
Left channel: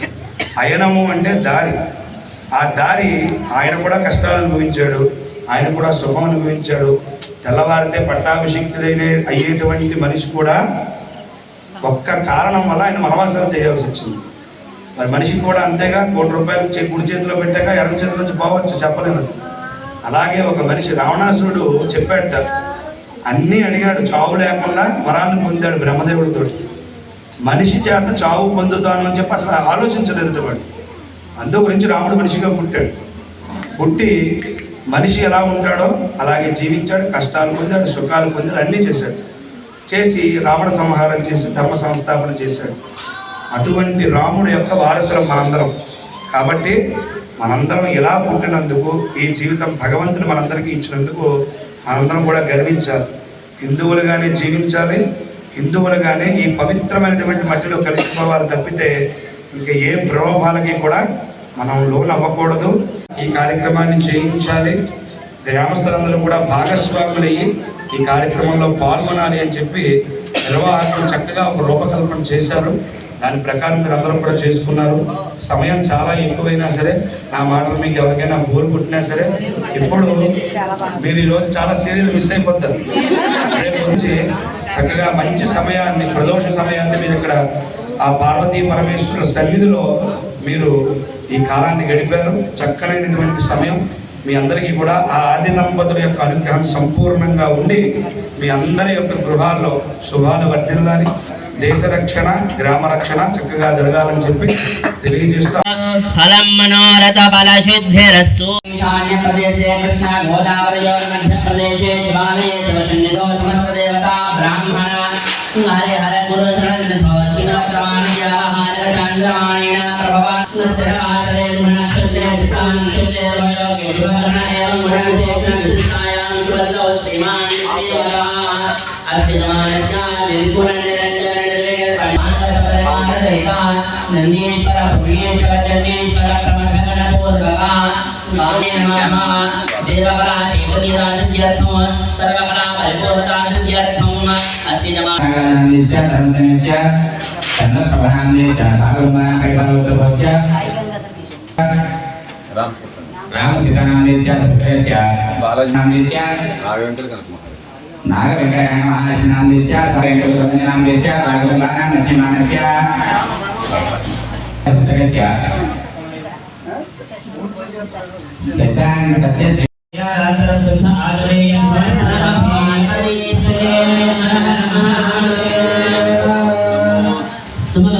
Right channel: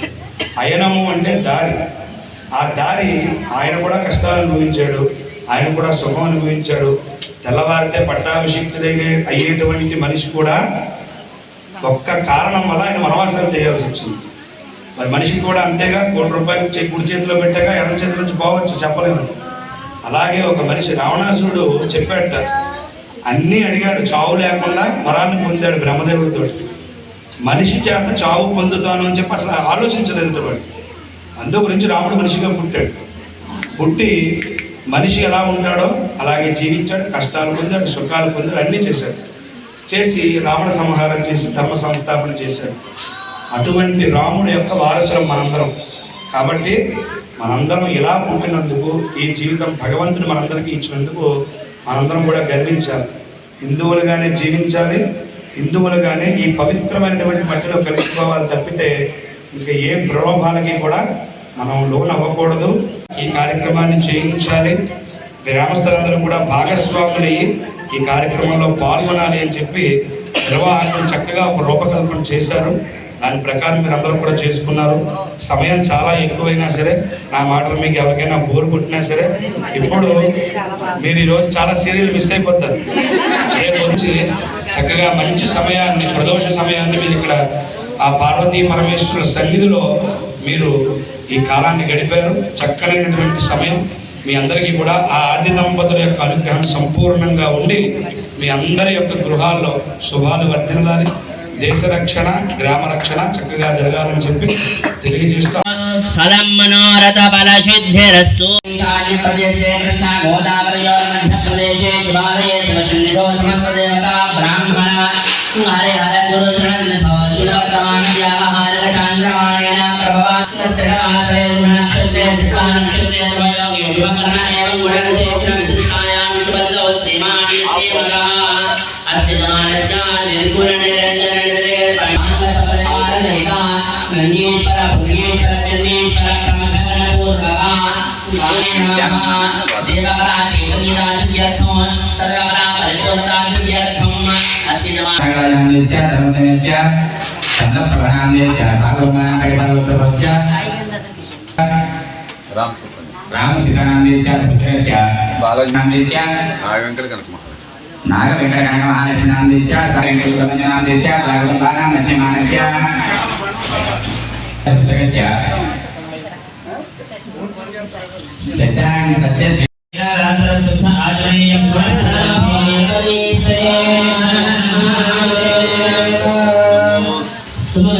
అయనము అంటే దారి. ఆ దారి ఆయన కూడా కష్టాలు అనుభవించాడు, ఆయన కూడా సుఖం అనుభవించాడు. తెల్లవారితే పట్టాభిషిక్తుడైన అయ్యేటువంటి మనిషి కూడా ఒక్క కారణం వల్ల ఆయన వనవాసాలు చేయాల్సి వచ్చింది. మరి మనిషికి కూడా అంతేగా, 1 కోటి రూపాయలు కుడి చేతిలో పెట్టాక ఎడమ చేతిలో నుంచి పోవచ్చు, చెప్పలేము. అలాగే ఒక మనిషి రావణాసురుడు చెప్పాడట, అన్నీ అడిగాడు, చావు లేకుండా వరాన్ని పొందాడు బ్రహ్మదేవుడితో. మనిషి చేత చావు పొందుతాను అని చెప్పి అసలు ఆలోచించలేదు వాడు. అందు గురించి రాముడు మనిషిగా పుట్టాడు. పుట్టి మనిషి ఎలా ఉంటాడో అలాగే జీవించాడు, కష్టాలు పొందాడు, సుఖాలు పొందాడు, అన్నీ చేశాడు. చేసి రావణ సంహారం చేసి ధర్మ సంస్థాపన చేశాడు. అటువంటి రాముడు యొక్క వారసులం మనందరం. కాబట్టి మనందరం ఇలా పుట్టినందుకు, ఈ జీవితం భగవంతుడు మనందరికీ ఇచ్చినందుకు మనందరం కూడా గర్వించాలి. హిందువులుగానే జీవించాలి, హిందువులుగానే ఈ పవిత్రమైనటువంటి మట్టిలో కలిసిపోవాలి తప్పితే ఇంకా ఏ ప్రలోభాలకి కూడా మనం లోన్ అవ్వకూడదు. ఈ కార్యక్రమాన్ని చేయించాలి. గ్రామస్తులందరూ కూడా భాగస్వాములయ్యి ఈ కార్యక్రమంలో పాల్గొనాలి అని చెప్పి నిర్వాహకులు చక్కగా ఒక రూపకల్పన చేశారు. దాని ప్రకారం మీరు అందరూ కూడా చేసుకున్నారు. సమయం చాలా ఎక్కువైనా సరే, నా మాటలు మీకు ఎవరికైనా బోరు పుట్టినా సరే, ఇప్పుడు మీరు ఈరోజు చాలా సీరియల్ మిస్ అయిపోతారు. రేపు వచ్చి చక్కగా మంచి సమయాన్ని, ప్రదోష సమయాన్ని మీరు ఇక్కడ ఆ పార్వతీ పరమేశ్వరుల సన్నిధిలో మీరు ఈ కాలాన్ని గడిపారు. చక్కనైనటువంటి సమయం. మీ అందరికీ కూడా ఆ ఆది దంపతుల యొక్క అనుగ్రహం సంపూర్ణంగా ఉండి మీ అందరి యొక్క గృహాల్లో శుభాలు వర్ధిల్లాలి. దేశ రక్షణ, గ్రామ రక్షణ చక్కగా జరగాలని చెప్పి తెలియజేస్తూ ఫలం మనోరథ బల శుద్ధిరస్తు. ఈశాన్య ప్రదేశే కృష్ణ గోదావరియోర్ మధ్య ప్రదేశే శివాలయే శివశన్నిధో సమస్త దేవతా బ్రాహ్మణ హరే హర గురు శరణ్ భవతి వర్తమానస్య హారక చంద్రమాణేన ప్రభవాత్మస్య ఆశ్రయేణ క్షుద్రే చిత్తాన్ క్షుద్రే వయోగి విభక్షణ ఏవం గుణంసే క్షమిస్తాయాం శుభదోస్తి మాని దేవగా అస్తి జమానస్య నిర్గుణ నిరంజన గణేశ్వర పుణ్యేశ్వర చంద్రేశ్వర ప్రమథగణ పూర్వక స్వామి నమః. దేవకళా చైతన్యదా సిద్ధ్యర్థం సర్వకళా పరిపూర్ణతా సిద్ధ్యర్థం అస్తి జమానస్య ధర్మతమస్య చంద్రప్రభాన్యస్య సాగరమానకైతవత్రస్య రామసీతానామ్యస్య పుత్రస్య బాలనామ్యస్య నాగవెంకటనామ్యస్య సాగరనామ్యస్య సాగరనామ్యస్య సుమన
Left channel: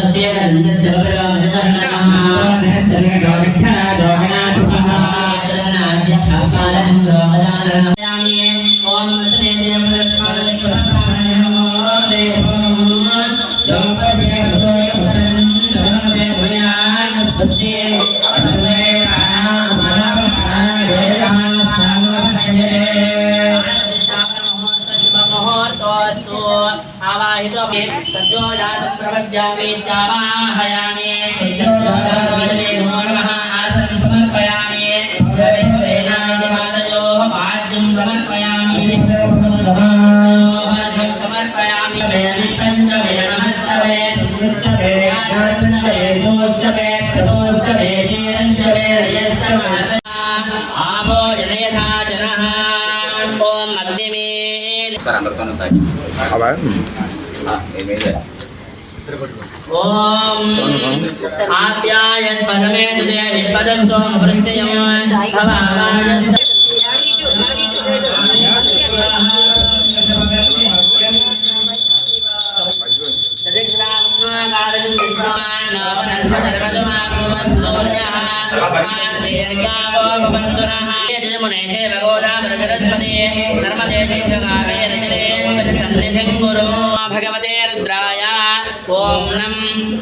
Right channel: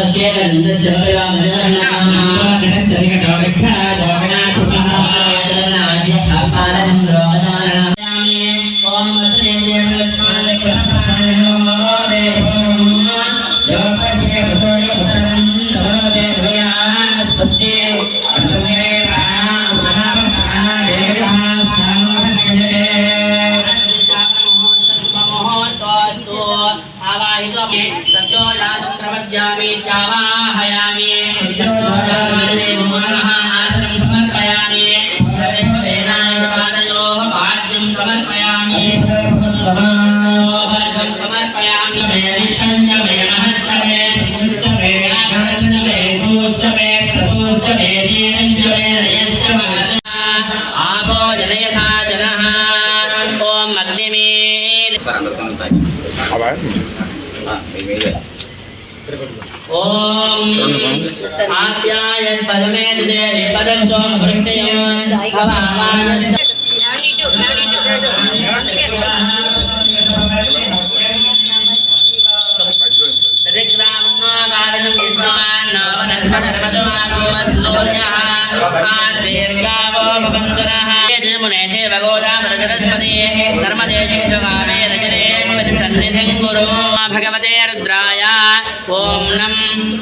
प्रपद्यामि चावाहयामि समर्पयामि वेदान्तपादयोः पाद्यं समर्पयामि समर्पयामि आपो जनयथा जनः ॐ अग्निमे ओम आप्याय स्वयमे दुदे विश्वदस्तो वृष्टयं भवाय तदिग्रामन्नाकारं कृष्णान् वनस्पतिर्मधुमागोमस्तोर्यः आशीर्गावो भवन्तुरः मुने चे भगोदावरसरस्वती नर्मदे चित्तगामे रजनेस्पति सन्निधिं गुरु भगवते रुद्राय ओम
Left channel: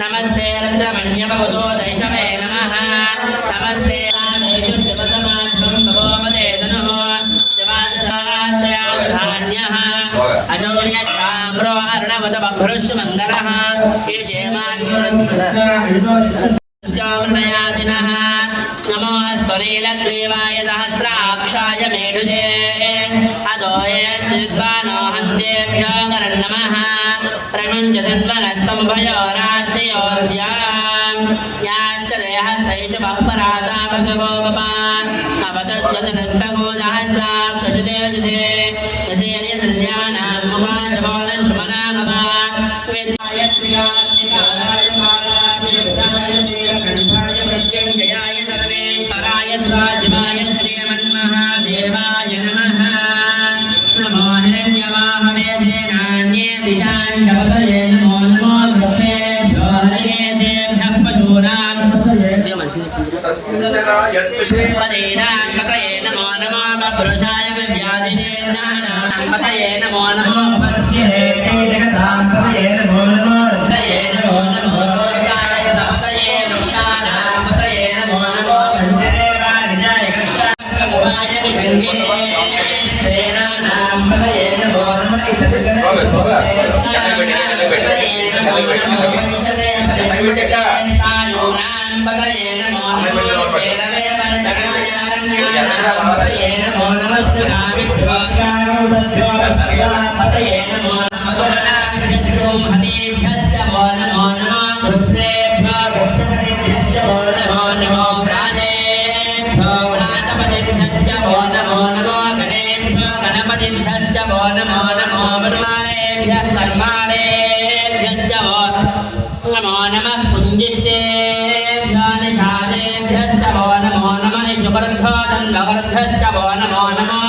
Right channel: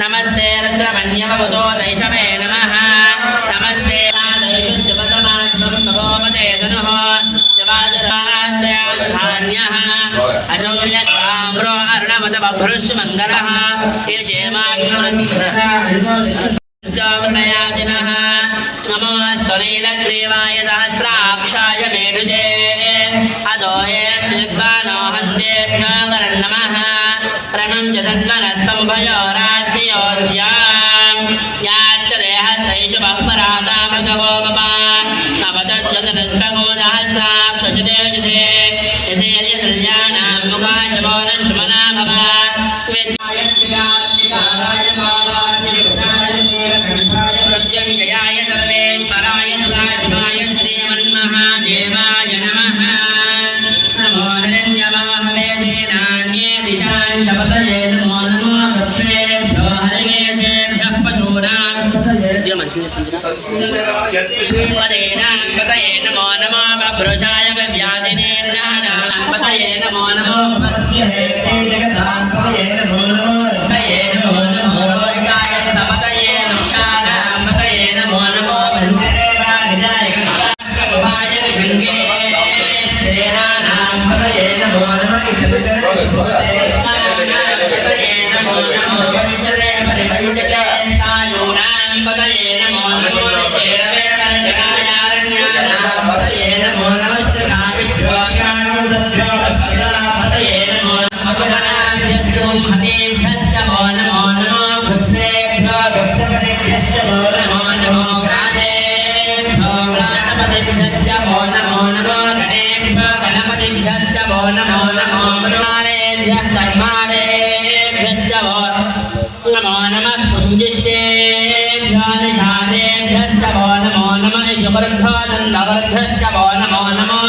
नमस्ते रुद्रमन्यवबुधो दैशवे नमः नमस्ते आदैषु शिवतमात्मं भवोमते धनुः शिवाजरास्याधान्यः अशौर्यस्ताम्रो अर्णवत बभ्रुषु मङ्गलः श्रीशेमाग्निरुद्रयादिनः नमोऽस्तु नीलग्रीवाय सहस्राक्षाय मेढुजे अदोये श्रीद्वानो हन्तेभ्यो नमः प्रमञ्जतन्वनस्तम्भयोरात्मयोऽस्यां याश्च देहस्तैषु बह्पराता भगवो बपा नवतज्जतनस्तगो सहस्राक्षजुते जुते यसेर्यसृल्यानां मुखाचमो न श्मना भव वेदाय श्रियात्मिकाराय मालान्यरुद्राय नीलकण्ठाय मृत्युञ्जयाय सर्वेश्वराय सदाशिवाय श्रीमन्महादेवाय नमः नमो हिरण्यवाहवे सेनान्ये दिशान् कपतये नमो नमो वृक्षेभ्यो हरिकेशेभ्यः पशूनां पदेनां पतये नमो नमो बभ्रुषाय विव्याधिने पतये नमो नमो पश्ये पतये नमो नमो पतये नमो नमो रोहिताय सपतये नुक्षाणां पतये नमो नमो वन्देवाय विषङ्गे सेनानां पतये नमो नमः नमो नमः पुञ्जिष्टेभ्यो निधानेभ्यश्च वो नमो नमः शुक्रध्वजन्नवर्धश्च वो नमो नमः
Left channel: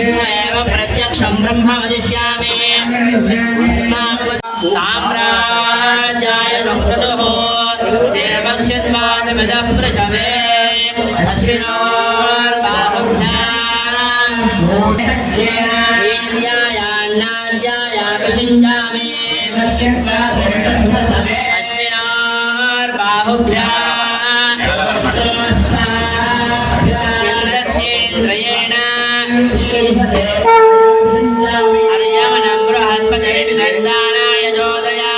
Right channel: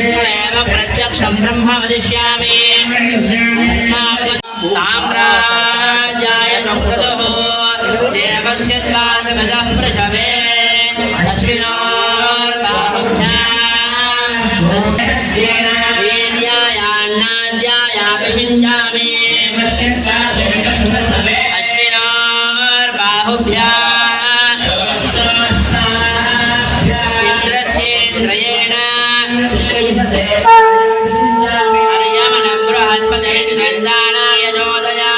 प्रत्यक्षं ब्रह्म वदिष्यामि साम्राज्याय प्रकृतः देवस्य द्वादशः प्रशवे अस्मिन्नोर्बाहुभ्यां वीर्यायान्नाद्यायाभिषिञ्जामि अस्मिन्नोर्बाहुभ्याम् इन्द्रस्येन्द्रयेण हर्यमनं बृहस्पते निर्दानाय जोदया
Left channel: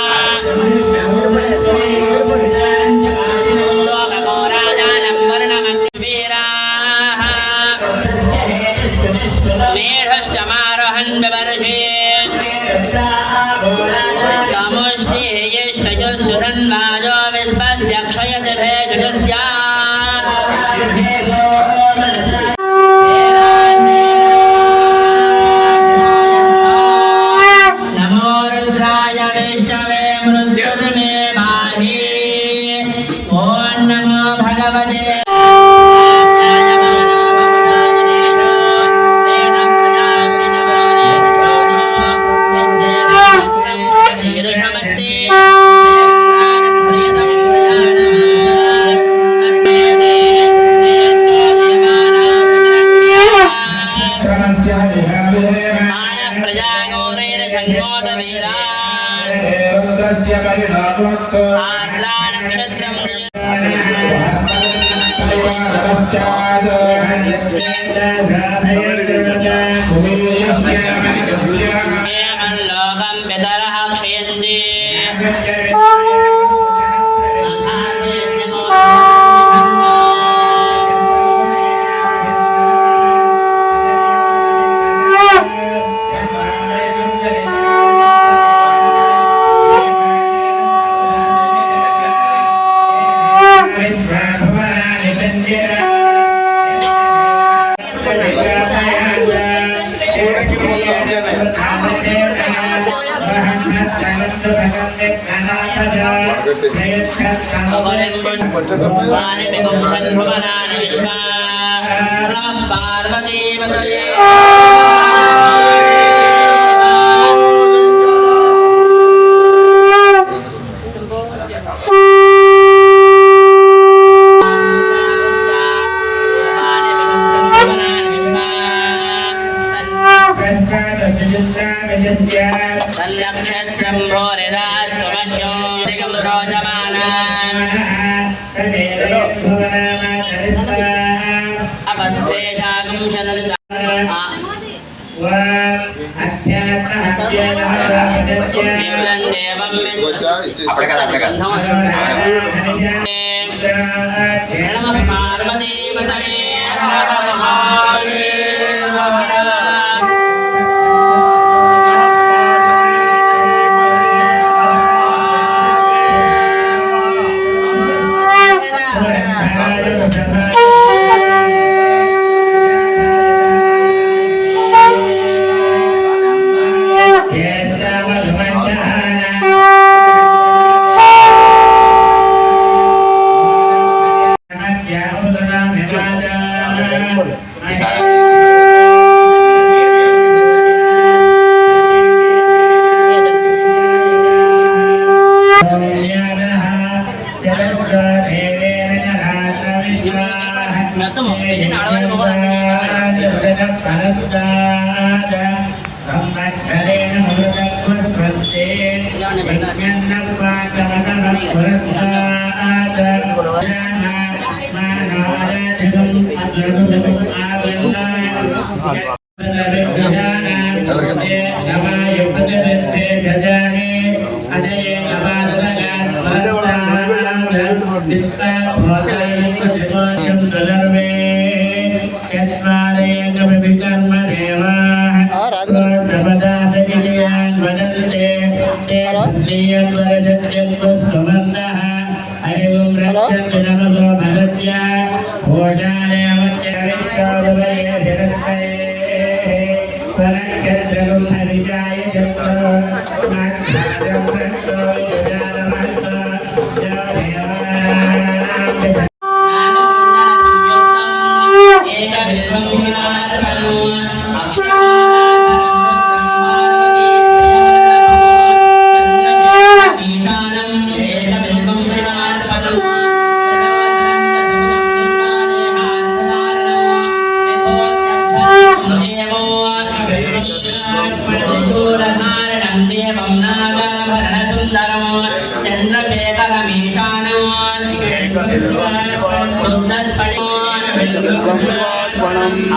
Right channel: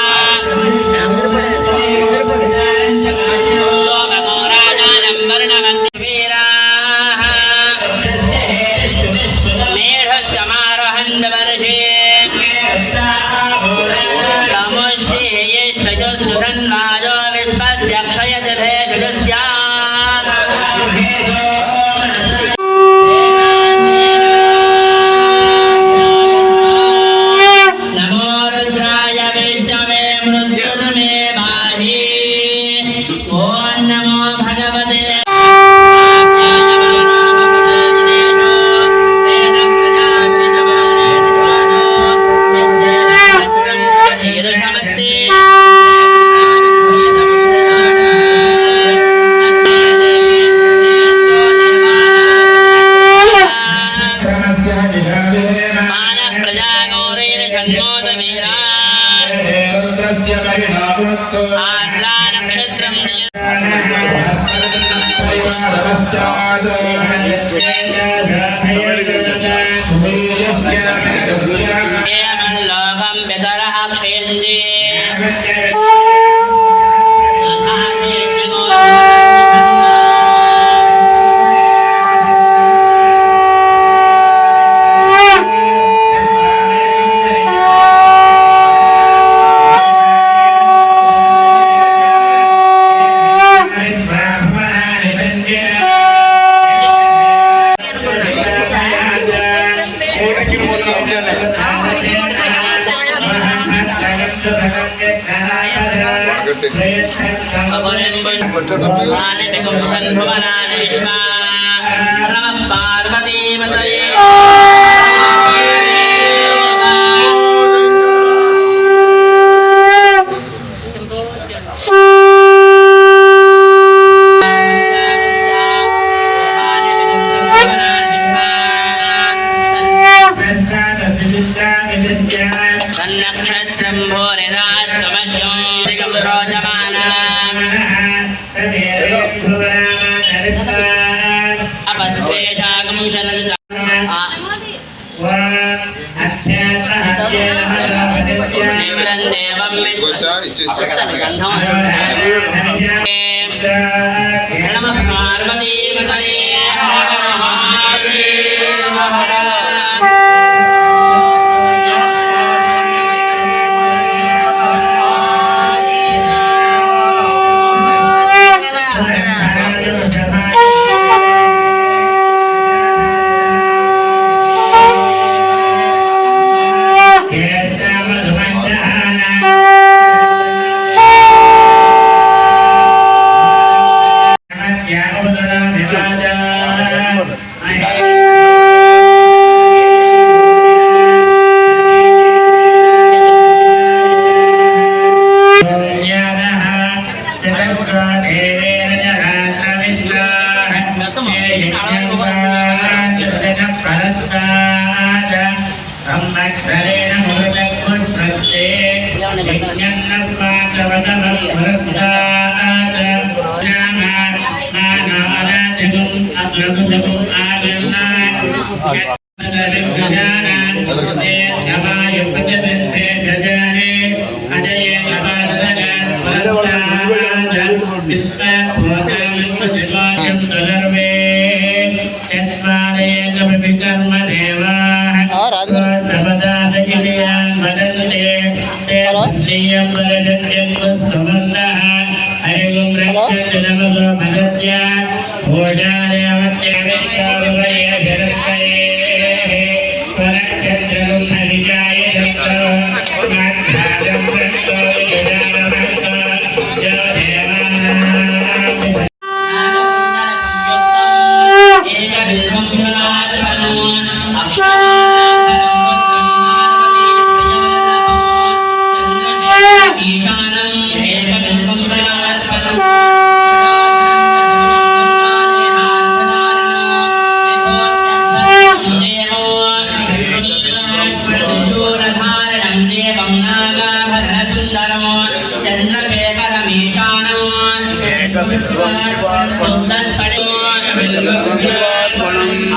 सोमगो राजानं लोकं पितरः क्षयन्ति तन्नक्षत्रं भोरिदास्तु मह्यं दिगं रोचमानान् अपद्वेषागं शनदता शीघ्रं देवं नमः पार्वतीपतये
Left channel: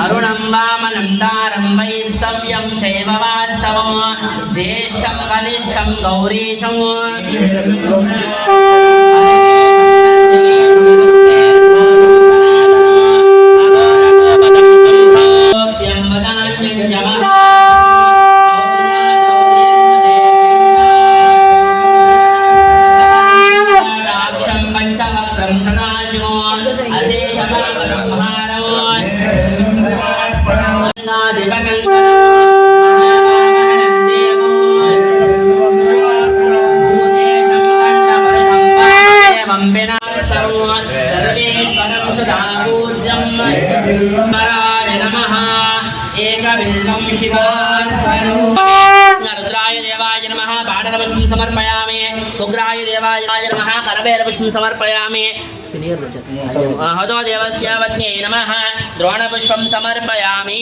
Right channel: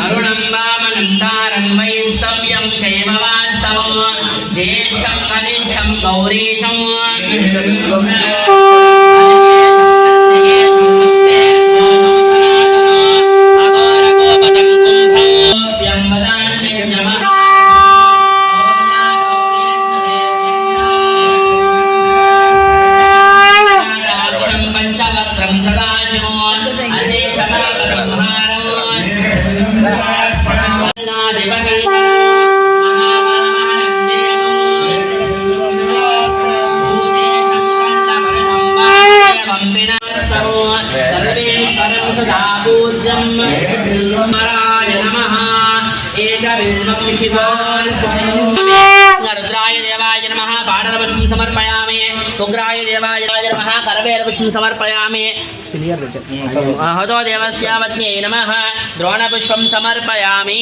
अरुणं वामनं तारं वैस्तव्यं चैव वास्तवं ज्येष्ठं कनिष्ठं गौरीशं रुद्राय देवाय नमः पाडलपुष्पं समर्पयामि उग्राय देवाय नमः करवेरपुष्पं समर्पयामि हतो देवस्य पत्न्यै नमः द्रोणपुष्पं समर्पयामि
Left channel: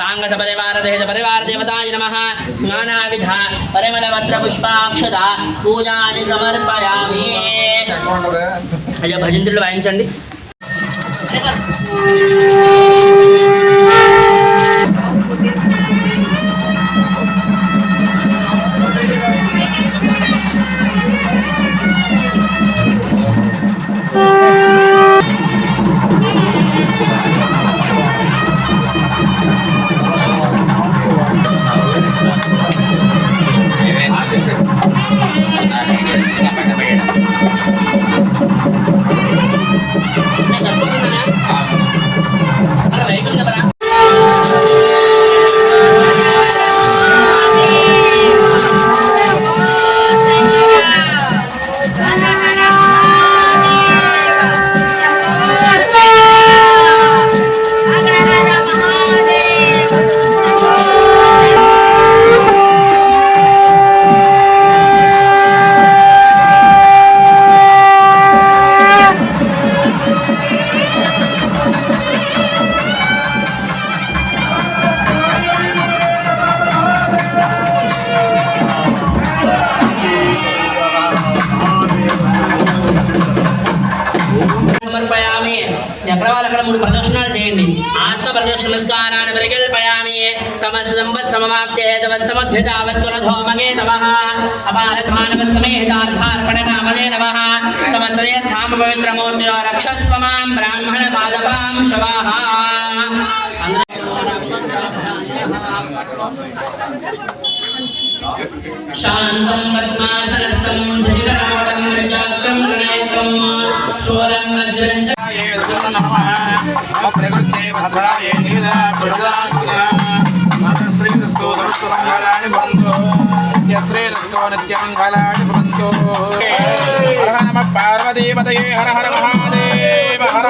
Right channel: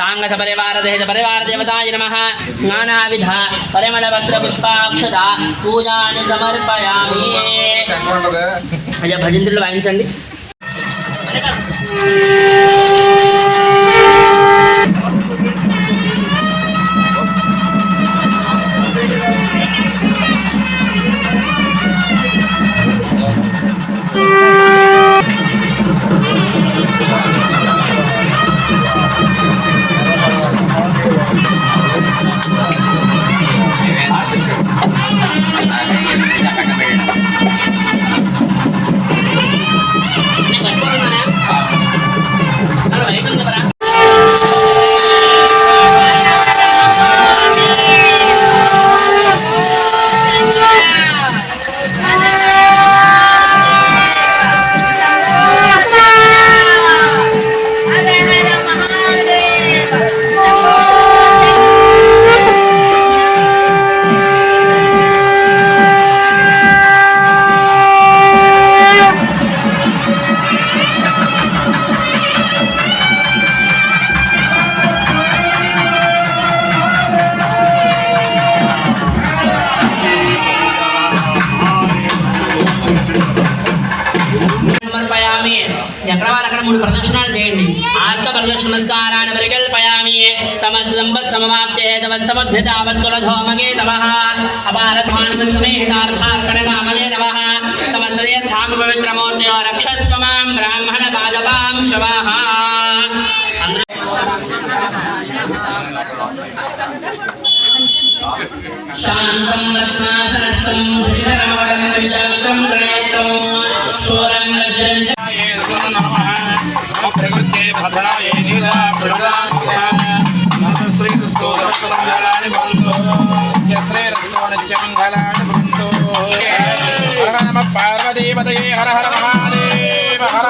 सांगसपरिवारदेवताय नमः नानाविध परिमलपत्रपुष्पाक्षता पूजानि समर्पयामि भजन्त्रुలు వాయించండి మూడు ప్రదక్షిణాలు చేయండి. ఆత్మ ప్రదక్షిణ నమస్కారాన్ని పరికల్పయామి. సమస్త సంపత్ సమవాప్తే తవత్సమద్ధితావత్తులధోమగే నమః. అపారమానవసమేతార్థార్పణనామలే నమః. సమస్త తీర్థామ పవిత్రమూర్తయో రక్షస్వ మాం బ్రాహ్మణ పాదపాం శవాః. శాంతం పద్మాసనస్థం దుషితరావడం విజాతం గణేతం శూలం వజ్రం నమః. ప్రకృతే భద్రాయ నీదా పురుషాస్త్రా శ్రీకృష్ణో సత్సంగాని భవంతు. శ్రీరస్తో నిత్యమంగళాని భవంతు. హర నమః పార్వతీపతయే హర హర మహాదేవ హర.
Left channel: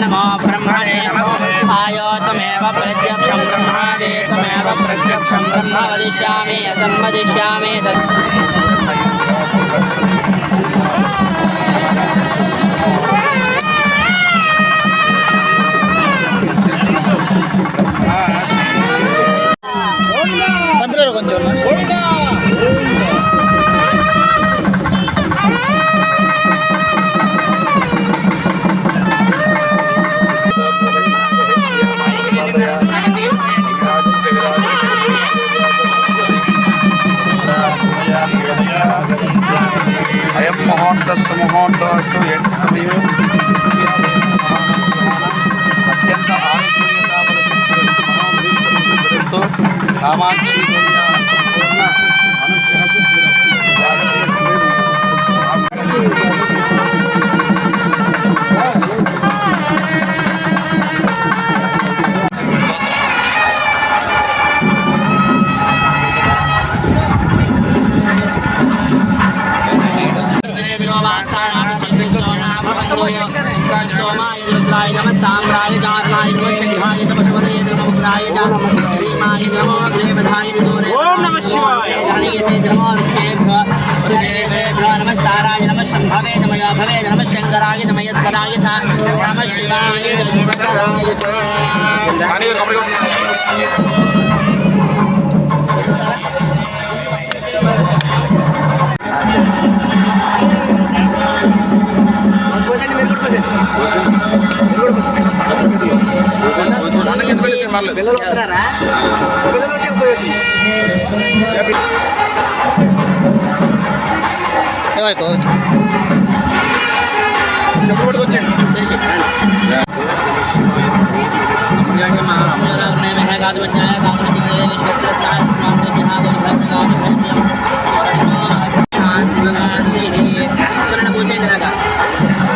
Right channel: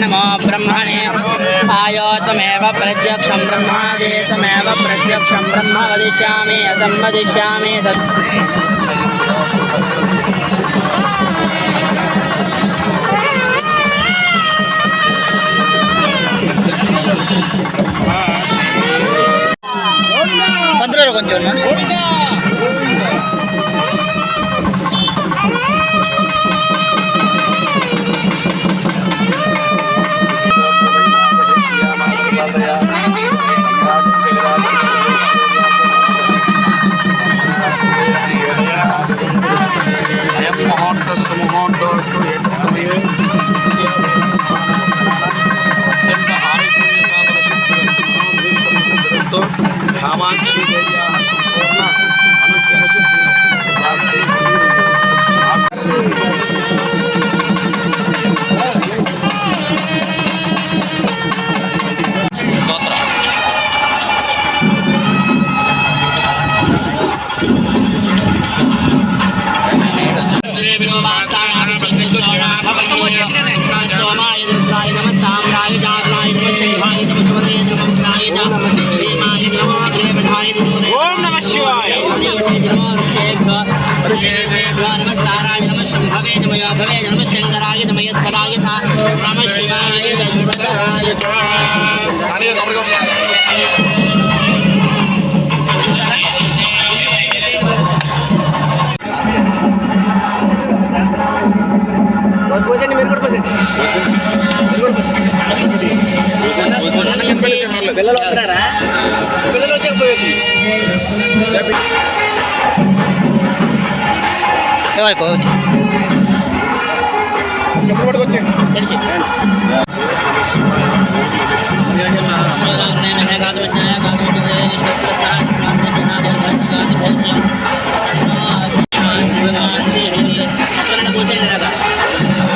नमो ब्रह्मणे आयोतमेव प्रत्यक्षं ब्रह्मादि तमेव प्रत्यक्षं ब्रह्म वदिष्यामि अतं वदिष्यामि పంతులు కొంచెం అయం ముహూర్తస్సు ముహూర్తస్తు సమయం అత్యంత ఆరోగ్యస్తు కామాక్షి नमस्ताराय नमः शंभवे नमः भवे नमः शंकराय नमस्कराय च नमः शिवाय दशवताराय च పిల్లలు వస్తున్నారా? పిల్లలు వచ్చి చెప్పు పట్టుకొచ్చండి.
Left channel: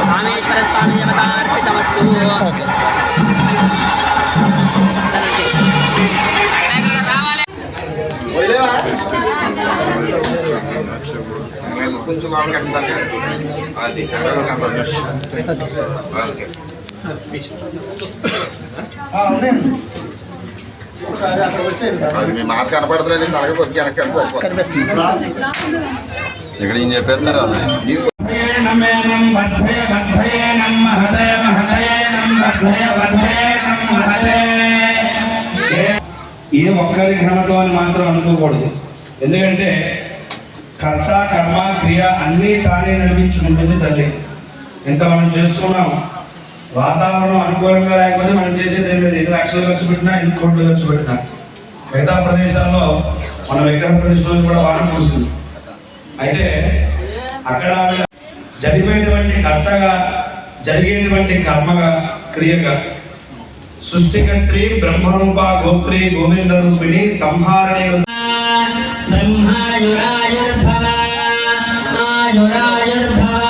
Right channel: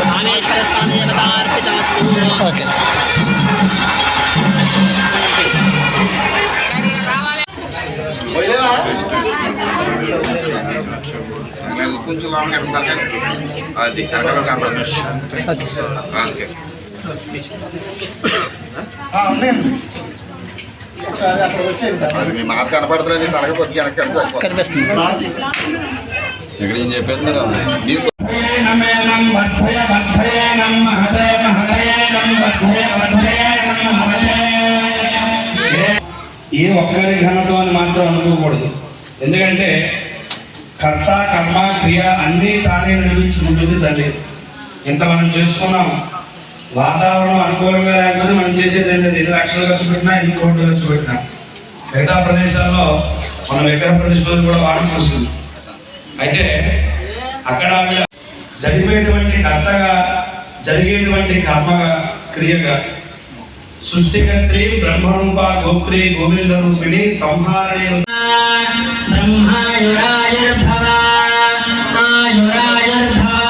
రామేశ్వర స్వామి దేవతార్పితమస్తు. ఓకే కొంచెం లాంగ్ కట్టాలి. అది అక్కడ కనపడుతుంది. అది మీ మాట కనపడతలేదు. తనకి కొద్దిగా వెనక్కి కనిపిస్తుంది. ఇక్కడ ఏం చెప్పేస్తున్నారు? ఏ ఒక్కరి ఘనతో అని మాత్రం అనుకోకూడదు. ఎందుకంటే కర్త కర్మ క్రియ అన్నీ తానే నడిపించుకుంటుంది తల్లి. ఇంత మనం చేసుకున్నాం, వాతావరణం అనుకూలంగా లేకపోతే మనం చేసేది ఏం లేదు. 2 లక్షలు ఖర్చు పెట్టినా, 2 కోట్లు ఖర్చు పెట్టినా. మిగతా ప్రదేశాల్లో మనం విగ్రహ ప్రదేశంలో కూడా వాడుకోవచ్చు. అయితే అక్కడ జరిపేటువంటి కర్తగా, జరిగేటువంటి కర్మగా, క్రియగా సృష్టికర్త్రి బ్రహ్మరూప గోత్రి గోవింద రూపిణి సంహారణి బ్రహ్మాయురాయుర్భవ ఆయురాయుర్భవ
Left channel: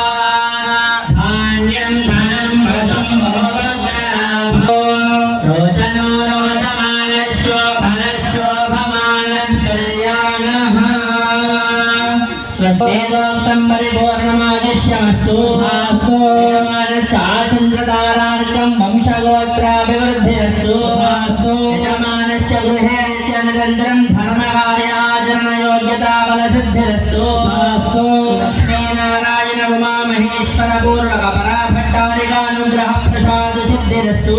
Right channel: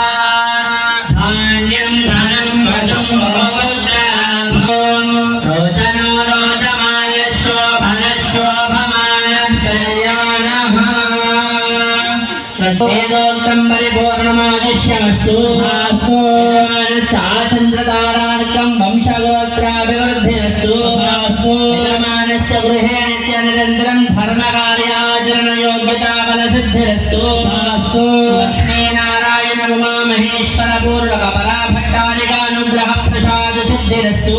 ధాన్యం ధనం వశం భవభద్రో రోచనో రోచమాన శోభన శోభమాన కళ్యాణః స్వస్తిదోక్తం పరిపూర్ణమాదిశ్యమస్తు చంద్రతారార్కం వంశగోత్రాభివృద్ధిరస్తు యజమానస్య గృహే నిత్య నిరంతరం ధర్మకార్యాచరణ యోగ్యతా బలసిద్ధిరస్తు లక్ష్మీనారాయణ ఉమా మహేశ్వర పూర్ణక పరాభట్టారికానుగ్రహ ప్రసాద సిద్ధిరస్తు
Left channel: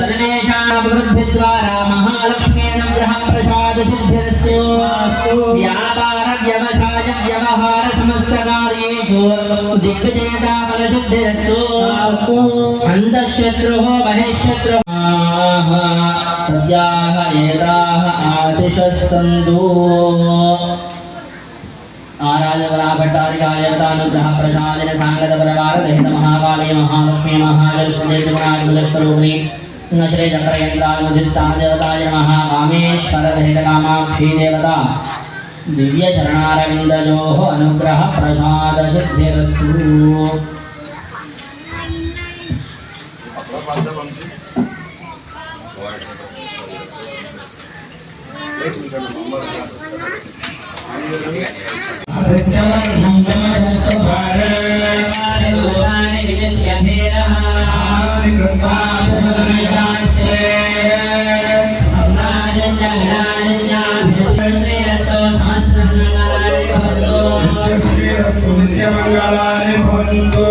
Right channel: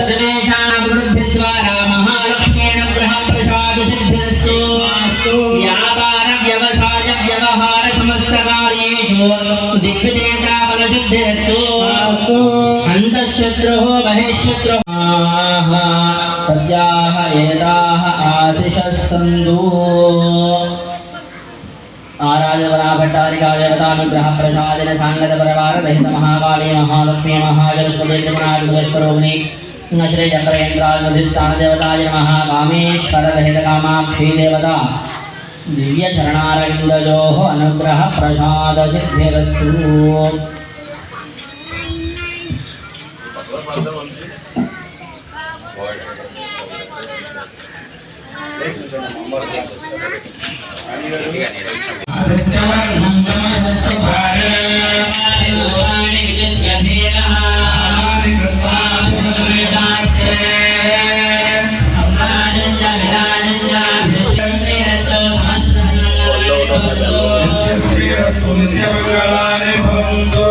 సర్వేషాం అభివృద్ధి ద్వారా మహాలక్ష్మీనుగ్రహ ప్రసాద సిద్ధిరస్తు వ్యాపార వ్యవసాయ వ్యవహార సమస్త కార్యేషు దిగ్విజేతా బలసిద్ధిరస్తు అంతఃశత్రుః బహిఃశత్రుః సద్యాః ఏతాః ఆశిషः సంతు. ఆరాధవరాభట్టారికాదేవతానుగ్రహ ప్రసాదన సాంగత పరివార దహిత మహాకాళీ మహాలక్ష్మీ మహాజలస్వరూపిణి శ్రీ చక్రయంత్రాధిష్టాన దేవతాయ నమః. కామేశ్వర దహిత కామాక్షీ దేవత దివ్య చరణారవిందయోః అనుగ్రహ ప్రసాద సిద్ధిరస్తు. నిత్యమంగళాని భవంతు.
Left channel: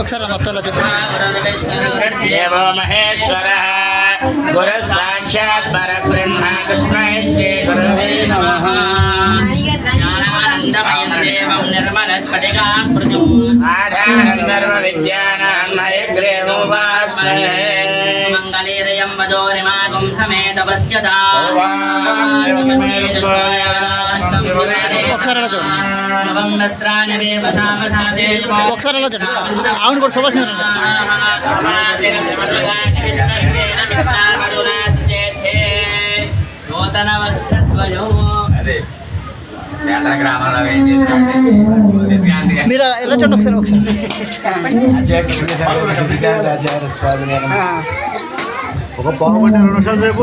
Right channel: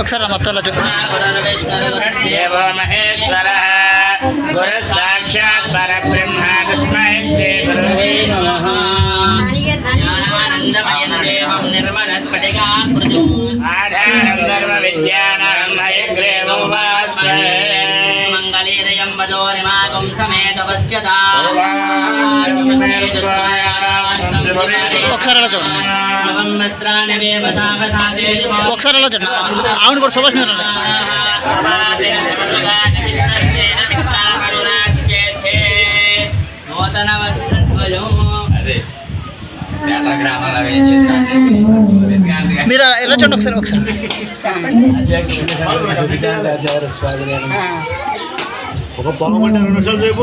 ఒకసారి మొత్తం దేవో మహేశ్వర గురు సాక్షాత్ పరబ్రహ్మ తస్మై శ్రీ గురవే నమః. జ్ఞానానందమయం దేవం నిర్మల స్ఫటికాకృతిం ఆధారం సర్వ విద్యానాం హయగ్రీవం ఉపాస్మహే. మంగళీరయం వదోరిమాగం సమేత పశ్యతా. ఒకసారి అలా చూడండి. ఒకసారి అలా చూడండి. ఆవిడ కూడా సుభాష్ నూతన వస్త్రద్వయం పేట గ్రామంలో ఏం చేసినట్టు మీరు ఎలా చూడండి ఒకసారి ఒక పావుగంట 2 నిమిషాలు రేపు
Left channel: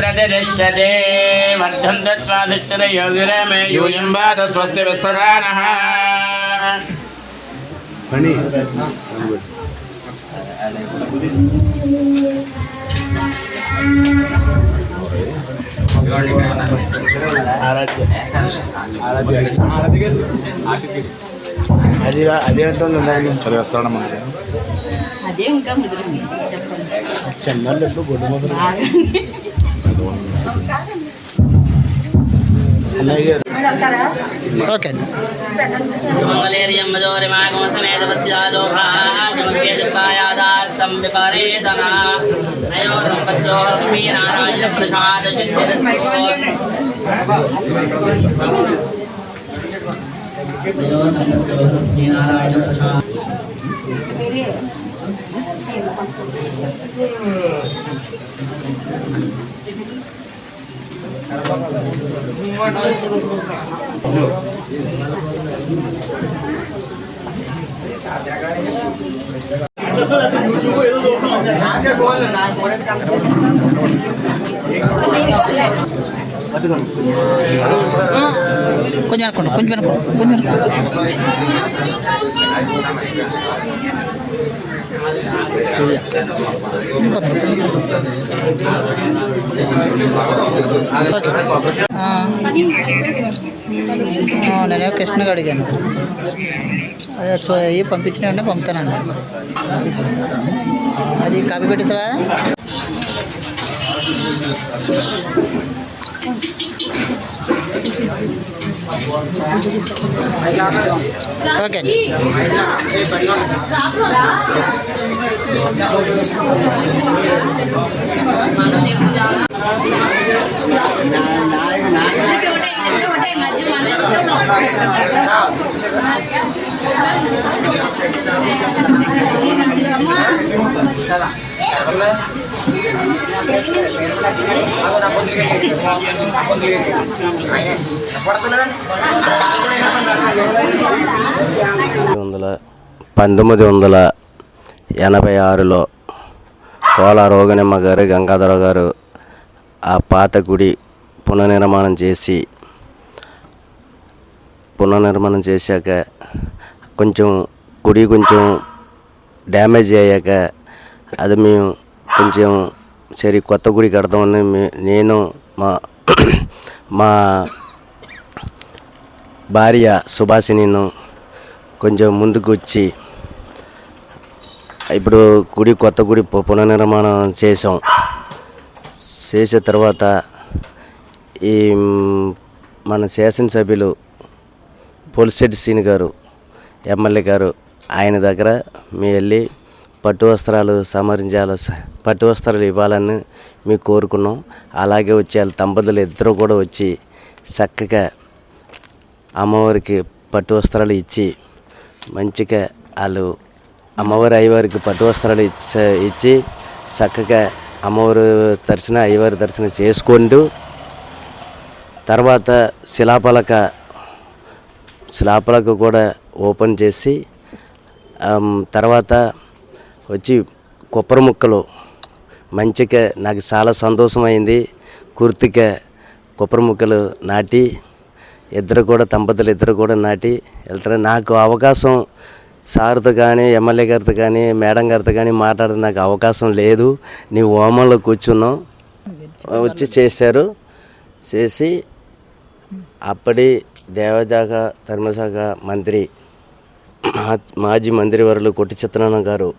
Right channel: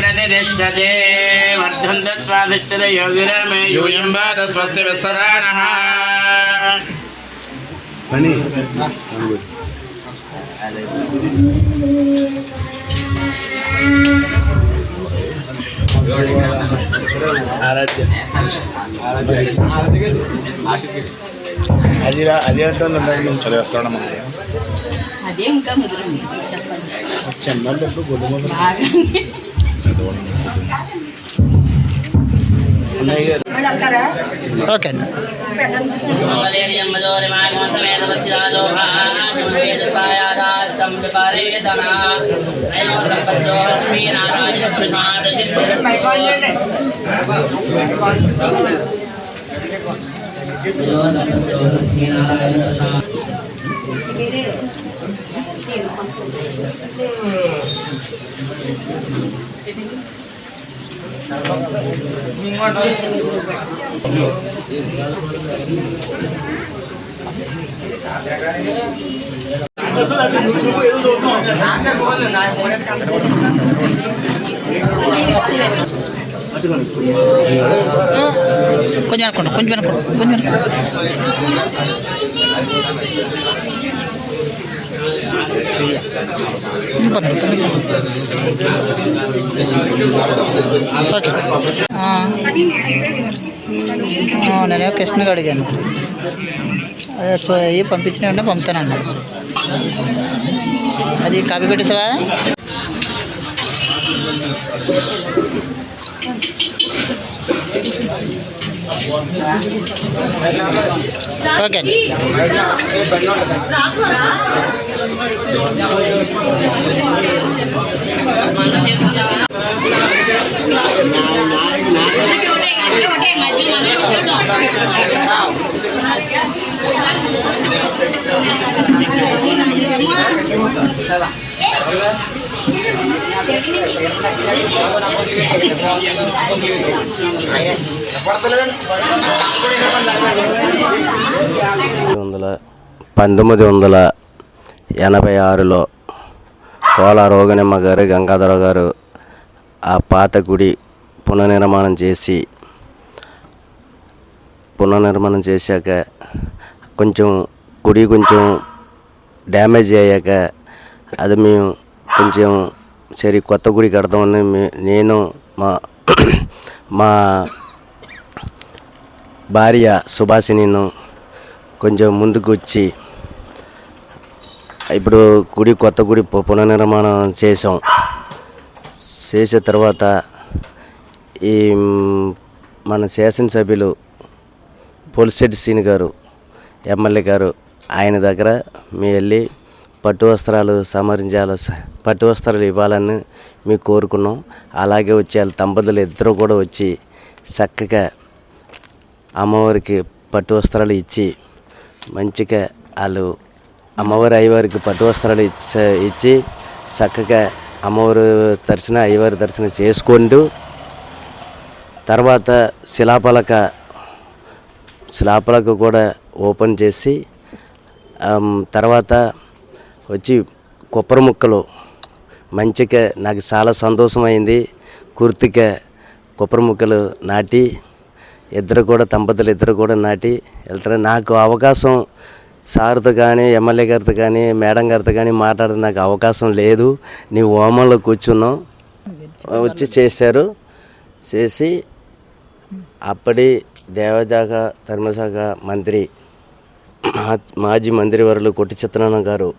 ప్రతిష్టతే వర్ధంతత్వాదిష్టరయో విరామే యూయం వాద స్వస్తి విశ్వదానః అని అది చదివేస్తాడు అదే ఇంకా మిగిలింది ఓకే అండి కొంచెం అనుకోండి కొంచెం అనుకోండి కొంచెం నేనే కృష్ణగా అడిగాను అదే అవి పంపించినవి పంపుతానండి అది కాపీ పెట్టేసావా ఓకే పంతొమ్మిది 1986లో కోల రోగనిమ్మ గారు గంగాధర గారు ఆ పాత గుడి పునర్నిర్మాణం చేశాక కొంచెం గుడి కొంచెం డ్యామేజ్ అయ్యాక అది మేము కొంచెం సరే కొత్త గుడి కడతామని నేను మా భార్య సుభాషిణిను కొంచెం ముందుకు వచ్చి ఇప్పుడు కొత్త గుడి పునర్నిర్మాణం చేసాం. చేసిన తర్వాత ఈ మన శాసనసభ్యులు పోలిశెట్టి శ్రీని గారు ఎమ్మెల్యే గారు ఆయన దగ్గర మేము వెళ్ళి పట్టు వస్త్రాలు ఇవ్వాలని మేము కోరుకున్నాం. అలాగే వచ్చి వాళ్ళ దంపతులు ఇద్దరు కూడా వచ్చి చక్కగా అమ్మవారికి పట్టు వస్త్రాలు ఇచ్చి మంచిగా వాళ్ళు అమ్మవారి అయ్యవారికి పట్టు వస్త్రాలు ఇచ్చి చక్కగా అమ్మవారి దర్శనం అయ్యవారి దర్శనం చేసుకుంటూ తర్వాత శిలాపలక కూడా ఓపెన్ చేసి తర్వాత వచ్చి కొబ్బరి ముక్కలు మంచిగా నాకు చాలా సంతోషమైంది. కుర్తిగా కొబ్బరి ముక్కలు నాటి దంపతులు ఇద్దరు కూడా నాటి వెళ్తారు. నాకు అవకాశం సార్తో కానీ ఎమ్మెల్యే గారితో కానీ మేడం గారితో కానీ మాట్లాడే నాకు అవకాశం లేదు. నీ హోమంలో కూర్చున్నాం వచ్చి చేశారు. చేసి అప్పటి దేవశాఖ ధర్మశాఖ మంత్రి మాజీ మంత్రివర్యులు కొట్టి చిత్తనారాయణ గారు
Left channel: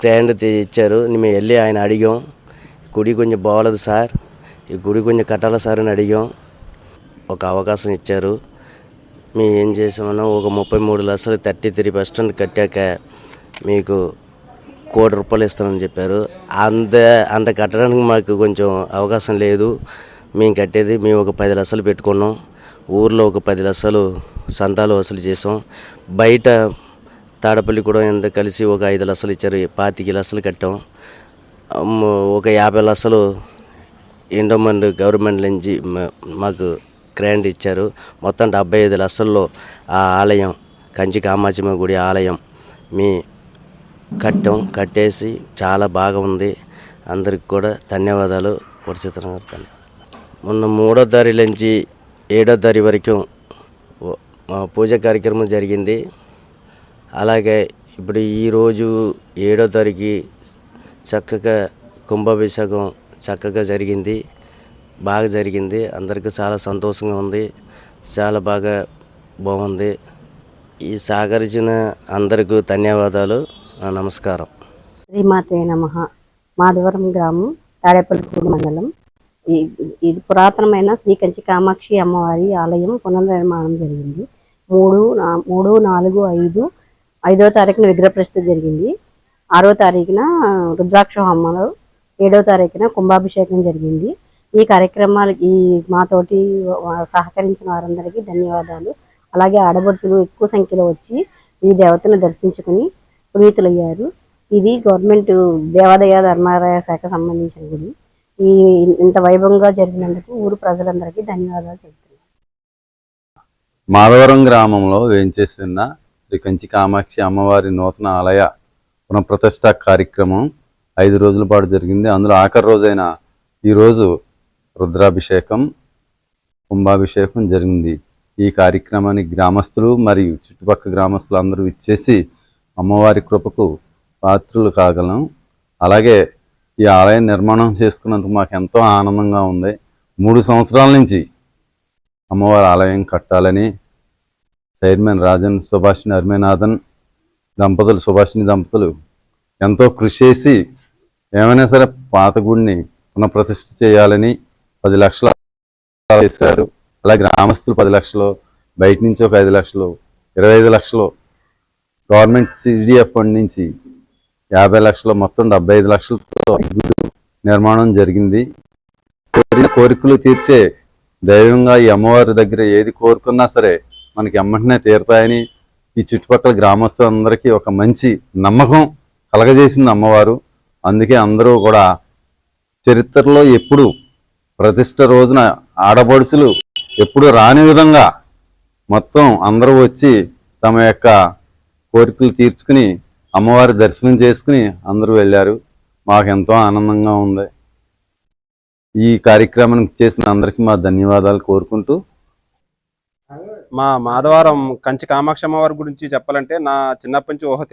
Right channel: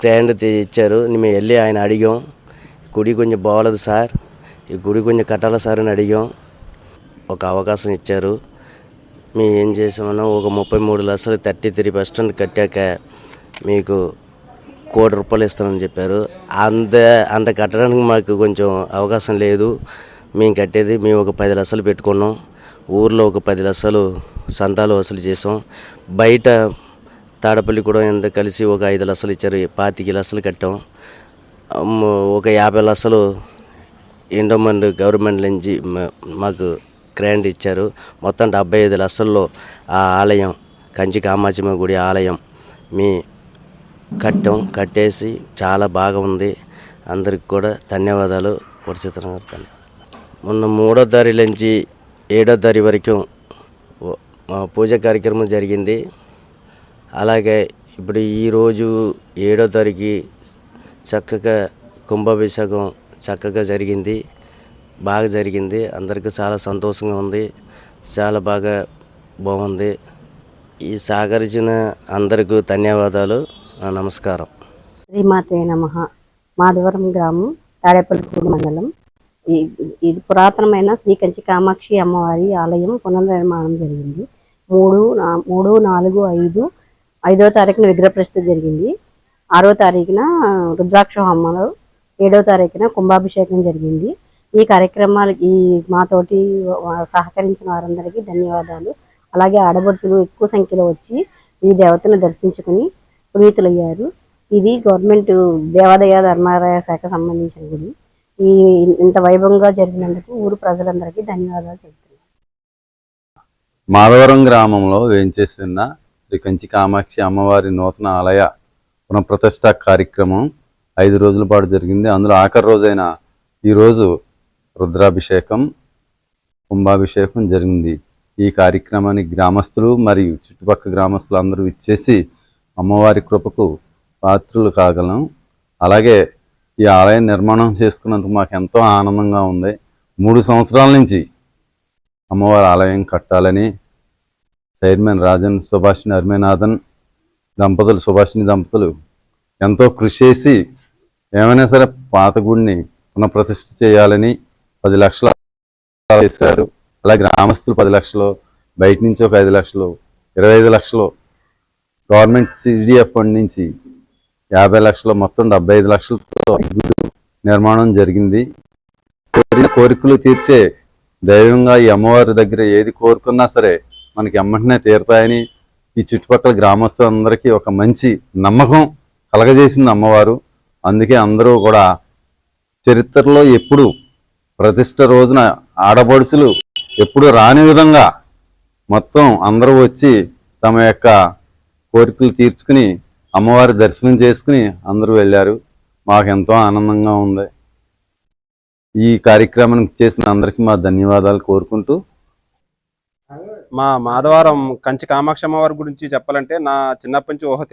గ్రాండ్ ఇచ్చారు. మేము వెళ్ళి ఆయన అడిగాం, గుడి కొంచెం బాగోలేదు సార్, ఈ గుడి కొంచెం కట్టాలి సార్ అని అడిగాం. ఒక అవకాశం ఇచ్చారు. మేము ఏం చేసామన్నా ఒక 33 లక్షలు 33% కట్టాక మీకు ₹1 కోటి ఇస్తానని చెప్పారు. అంత కట్టడానికి మాకు కొంచెం అవకాశం లేదు. మేము కట్టేది ఒక 10 లక్షలు పెట్టుకున్నాం. ఊర్లో ఒక 10 లక్షలు సంతాలు వసూలు చేసాం. బయట తాడపల్లి కూడా ఎంత కలిసి ఒక 5 లక్షలు ఇచ్చారు. 25 లక్షలు కట్టాం. ఒక 50 లక్షలు ఎండోమెంట్ గవర్నమెంట్ నుంచి మాకు గ్రాంట్ ఇచ్చారు. మొత్తం 75 లక్షల్లో ఆ ఆలయం కంచి కామాక్షమ్మ గుడి ఆలయం కట్టేసి చాలా బాగా ఉంది. అందరికి కూడా ధన్యవాదాలు. మొన్న 3వ తారీఖు నుంచి 7వ తారీఖు వరకు పూజ కార్యక్రమం జరిగింది. అలాగే ఇప్పుడు ఈరోజు 7వ తారీఖు చక్కగా కుంభాభిషేకం చక్కగా జరిగింది, బాగా జరిగింది. అందరికీ చాలా సంతోషంగా ఉంది, చాలా బాగుంది. ఈ సహకరించిన అందరికీ ధన్యవాదాలు. నమస్కారం. శ్రీమాతే నమః. మాధవరం గ్రామం, తాడేపల్లిగూడెం మండలం. ఇది పురాతనమైన శ్రీ కంచి కామాక్షి అమ్మవారి ఆలయం పునర్నిర్మాణం జరిగింది. 3, 4, 5వ తారీఖున విగ్రహ ప్రతిష్ఠ జరిగింది. 6వ తారీఖున రుద్రాక్ష హోమాలు, 7వ తారీఖున కుంభాభిషేకం జరిగింది. ఈ కార్యక్రమాలకి మాతోటి సహకరించిన వారందరికీ ధన్యవాదాలు. అలాగే ఆడపడుచులు ఎక్కువ సంఖ్యలో వచ్చి ఈ దేవతను దర్శించుకుని పునీతులయ్యారు. ఇది గవర్నమెంట్ దేవాదాయ ధర్మాదాయ శాఖ సంబంధించిన గుడి. ఇంత వైభవంగా జరిగినందుకు ఊరు ప్రజలందరికీ ధన్యవాదాలు చెబుతున్నాను. మాధవరం గ్రామంలో వేంచేస్తున్న శ్రీ కంచి కామాక్షి అమ్మవారి నూతన ఆలయ పునఃప్రతిష్ఠ కార్యక్రమం 5 రోజుల పాటు జరిగింది. అందులో ఆఖరి రోజైన ఈరోజు రుద్రాభిషేకం, కుంభాభిషేకం జరిగింది. ఈ కార్యక్రమానికి గ్రామస్తులు మరియు చుట్టుపక్కల గ్రామస్తులు అందరూ ఇచ్చేసి అమ్మవారి కృపకు పాత్రులు కాగలం. అలాగే ఈ ఆలయం నిర్మాణం చేసుకున్నందుకు మాకు ఎంతో ఆనందంగా ఉంది. 3 సంవత్సరాల నుంచి అమ్మవారి ఆలయం కట్టాలని చైర్మన్ రాజన్ సుభాషిణి అర్మేనాథన్ సుభాషిణి దంపతులు ఎంతో కృషి చేసి ఏమైనా సరే పాత గుడిని పునఃప్రతిష్ఠ చేయాలని 10 లక్షలు వేశారు. అలాగే గ్రామస్తులు 10 లక్షలు, బయట నుంచి ఒక 5 లక్షలు, 25 లక్షలు, గవర్నమెంట్ CDF ఫండ్ నుంచి 50 లక్షలు, మొత్తం 75 లక్షలతో నిర్మాణం జరిగింది. కోరికలు తీర్చే దైవంగా ఈ అమ్మవారి దగ్గర ఏది కోరుకున్నా సరే మనకి ఎమ్మటనే తీరుతాయని ఈ చుట్టుపక్కల గ్రామస్తులందరికీ ఒక మంచి నమ్మకం కలగజేసింది అమ్మవారు. అందుకే అందరూ కూడా చరిత్రలో ఎప్పుడు ప్రతిష్ఠ రోజున ఆడపడుచులు ఎప్పుడు రాని విధంగా మొత్తం అందరూ వచ్చి తమ యొక్క కోరికలు తీర్చుకుని అమ్మవారి దర్శనం చేసుకుని అందరూ వెళ్ళారు. మాకు ఎంతో ఆనందంగా ఉంది. ఈ కార్యక్రమానికి చేసిన అందరికీ మా ధన్యవాదాలు కోరుకుంటూ, మా మాధవరం కంచి కామాక్షి అమ్మవారి గురించి చెప్పాలంటే నా చిన్నప్పటి నుంచి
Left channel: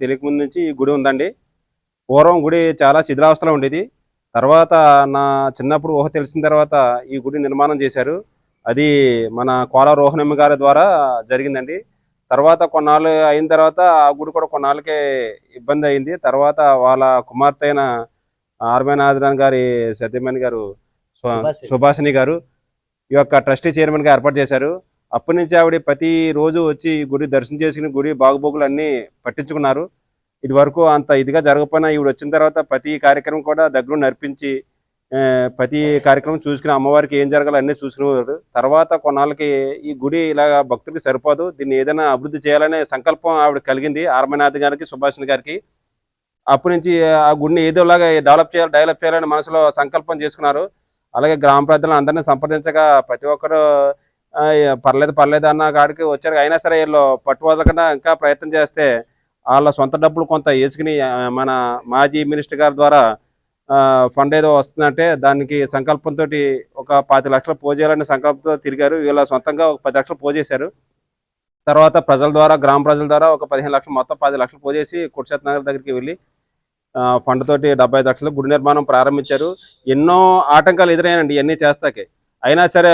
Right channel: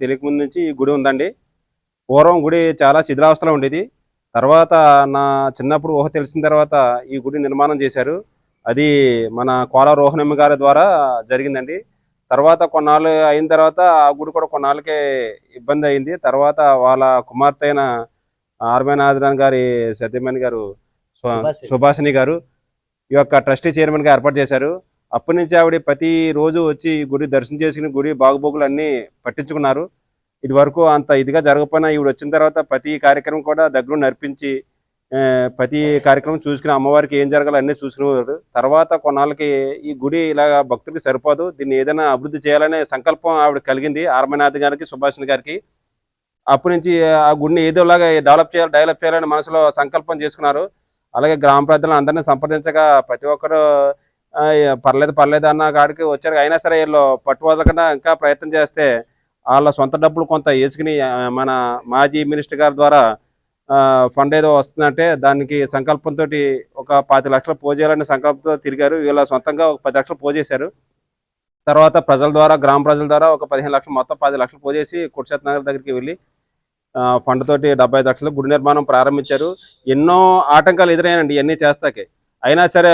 తెలియక ముందు నుంచి ఈ గుడి ఉందండి. పూర్వం గుడి చాలా శిథిలావస్థలో ఉండేది. తర్వాత నా చిన్నప్పుడు తెలిసిన తర్వాత ఈ గుడి నిర్మాణం చేశారు. అది మన కోల రోహనమ్మ గారి ద్వారా జరిగిందండి. తర్వాత కొన్నాళ్ళు అయిన తర్వాత ఆ గుడి కూడా కొన్నాళ్ళకే ఇబ్బంది అయింది. తర్వాత వాళ్ళ కుమార్తె అయిన ఆర్మేనాథన్ గారి సత్యమణి గారు సుభాషిణి గారు ఈ యొక్క ట్రస్టీ చైర్మన్గా ఏర్పాటు చేశారు. అప్పటి నుంచి ఆవిడ ప్రతి రోజు వచ్చి గుడి దర్శనం చేసుకుని గుడి బాగుబోగులు అన్నీ పట్టించుకున్నారు. ఇది వరకు అంత ఇదిగా జరగకపోయినా ఈవిడ వచ్చిన తర్వాత ప్రతి కార్యక్రమం కూడా దగ్గర నడిపించి ప్రతి కార్యక్రమం చూసుకుని అమ్మవారికి ఏం జరగాలో అన్నీ చూసుకునేవారు. తర్వాత కొన్నాళ్ళకి ఈ గుడి ఇలా భక్తులకి సరిపోదు, దీన్ని ఏదైనా అభివృద్ధి చేయాలనే సంకల్పం ఆవిడ కలిగింది ఆర్మనాథ్ గారికి, సుభాషిణి గారికి. అప్పటి నుంచి ఆ గుడిని ఏదోలాగా డెవలప్ చేయాలని మనసులో సంకల్పం చేసుకున్నారు. అలాగే గ్రామ ప్రజలను అందరినీ సంప్రదించగా ప్రతి ఒక్కరు పర్లేదు అన్న కాడికి వచ్చారు. అయినా సరే వీళ్ళు పట్టు వదలకుండా ఇంకా ప్రయత్నం చేస్తే వాళ్ళ సొంత డబ్బులు కొంత వేసుకుని మన మాజీ మినిస్టర్ గారి ద్వారా ఫండ్ ఏదో వస్తుందంటే దానికి సంకల్పంతో ఒక 10 లక్షలు పోజేయాలనే సంకల్పంతో తిరిగారు. వీళ్ళ సొంతంగా ఒక 10 లక్షలు పోజేశారు. తర్వాత గ్రామ ప్రజల ద్వారా ఒక 15 లక్షలు, మొత్తం 10 లక్షలు పోజేసి కుర్షత్ నగర్ దగ్గరికి వెళ్ళి ఫండ్ తోటి 75 లక్షలు గుడి నిర్మాణం ప్రారంభించారు. ఎన్నో ఆటంకాలు ఎదురైనండి ఇవన్నీ చేస్తాకే. అయినా సరే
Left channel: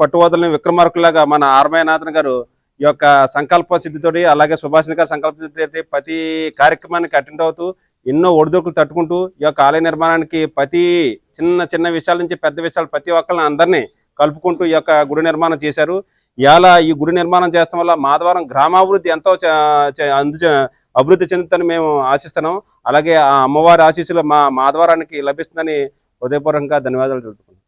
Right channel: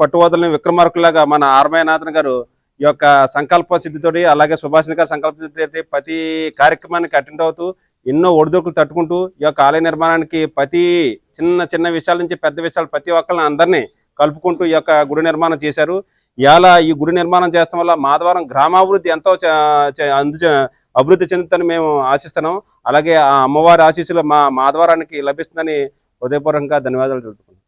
పట్టువదలని విక్రమార్కులాగా మన ఆర్మేనాథన్ గారు ఈ యొక్క సంకల్ప సిద్ధితోటి, అలాగే సుభాషిణి గారి సంకల్ప సిద్ధితోటి ప్రతి కార్యక్రమానికి అటెండ్ అవుతూ ఎన్నో ఒడిదొడుకులు తట్టుకుంటూ ఈ యొక్క ఆలయ నిర్మాణానికి ప్రతి చిన్న విషయాల నుంచి పెద్ద విషయాలు ప్రతి ఒక్కరిని అందరినీ కలుపుకుంటూ ఈ యొక్క గుడి నిర్మాణం చేశారు. ఇలా ఈ గుడి నిర్మాణం చేస్తాం వల్ల మాధవరం గ్రామాభివృద్ధి ఎంతో అభివృద్ధి చెందుతుందని మేము ఆశిస్తున్నాం. అలాగే ఆ అమ్మవారి ఆశీస్సులు మా మాధవరానికి లభిస్తుందని హృదయపూర్వకంగా ధన్యవాదాలు తెలుపుతున్నాం.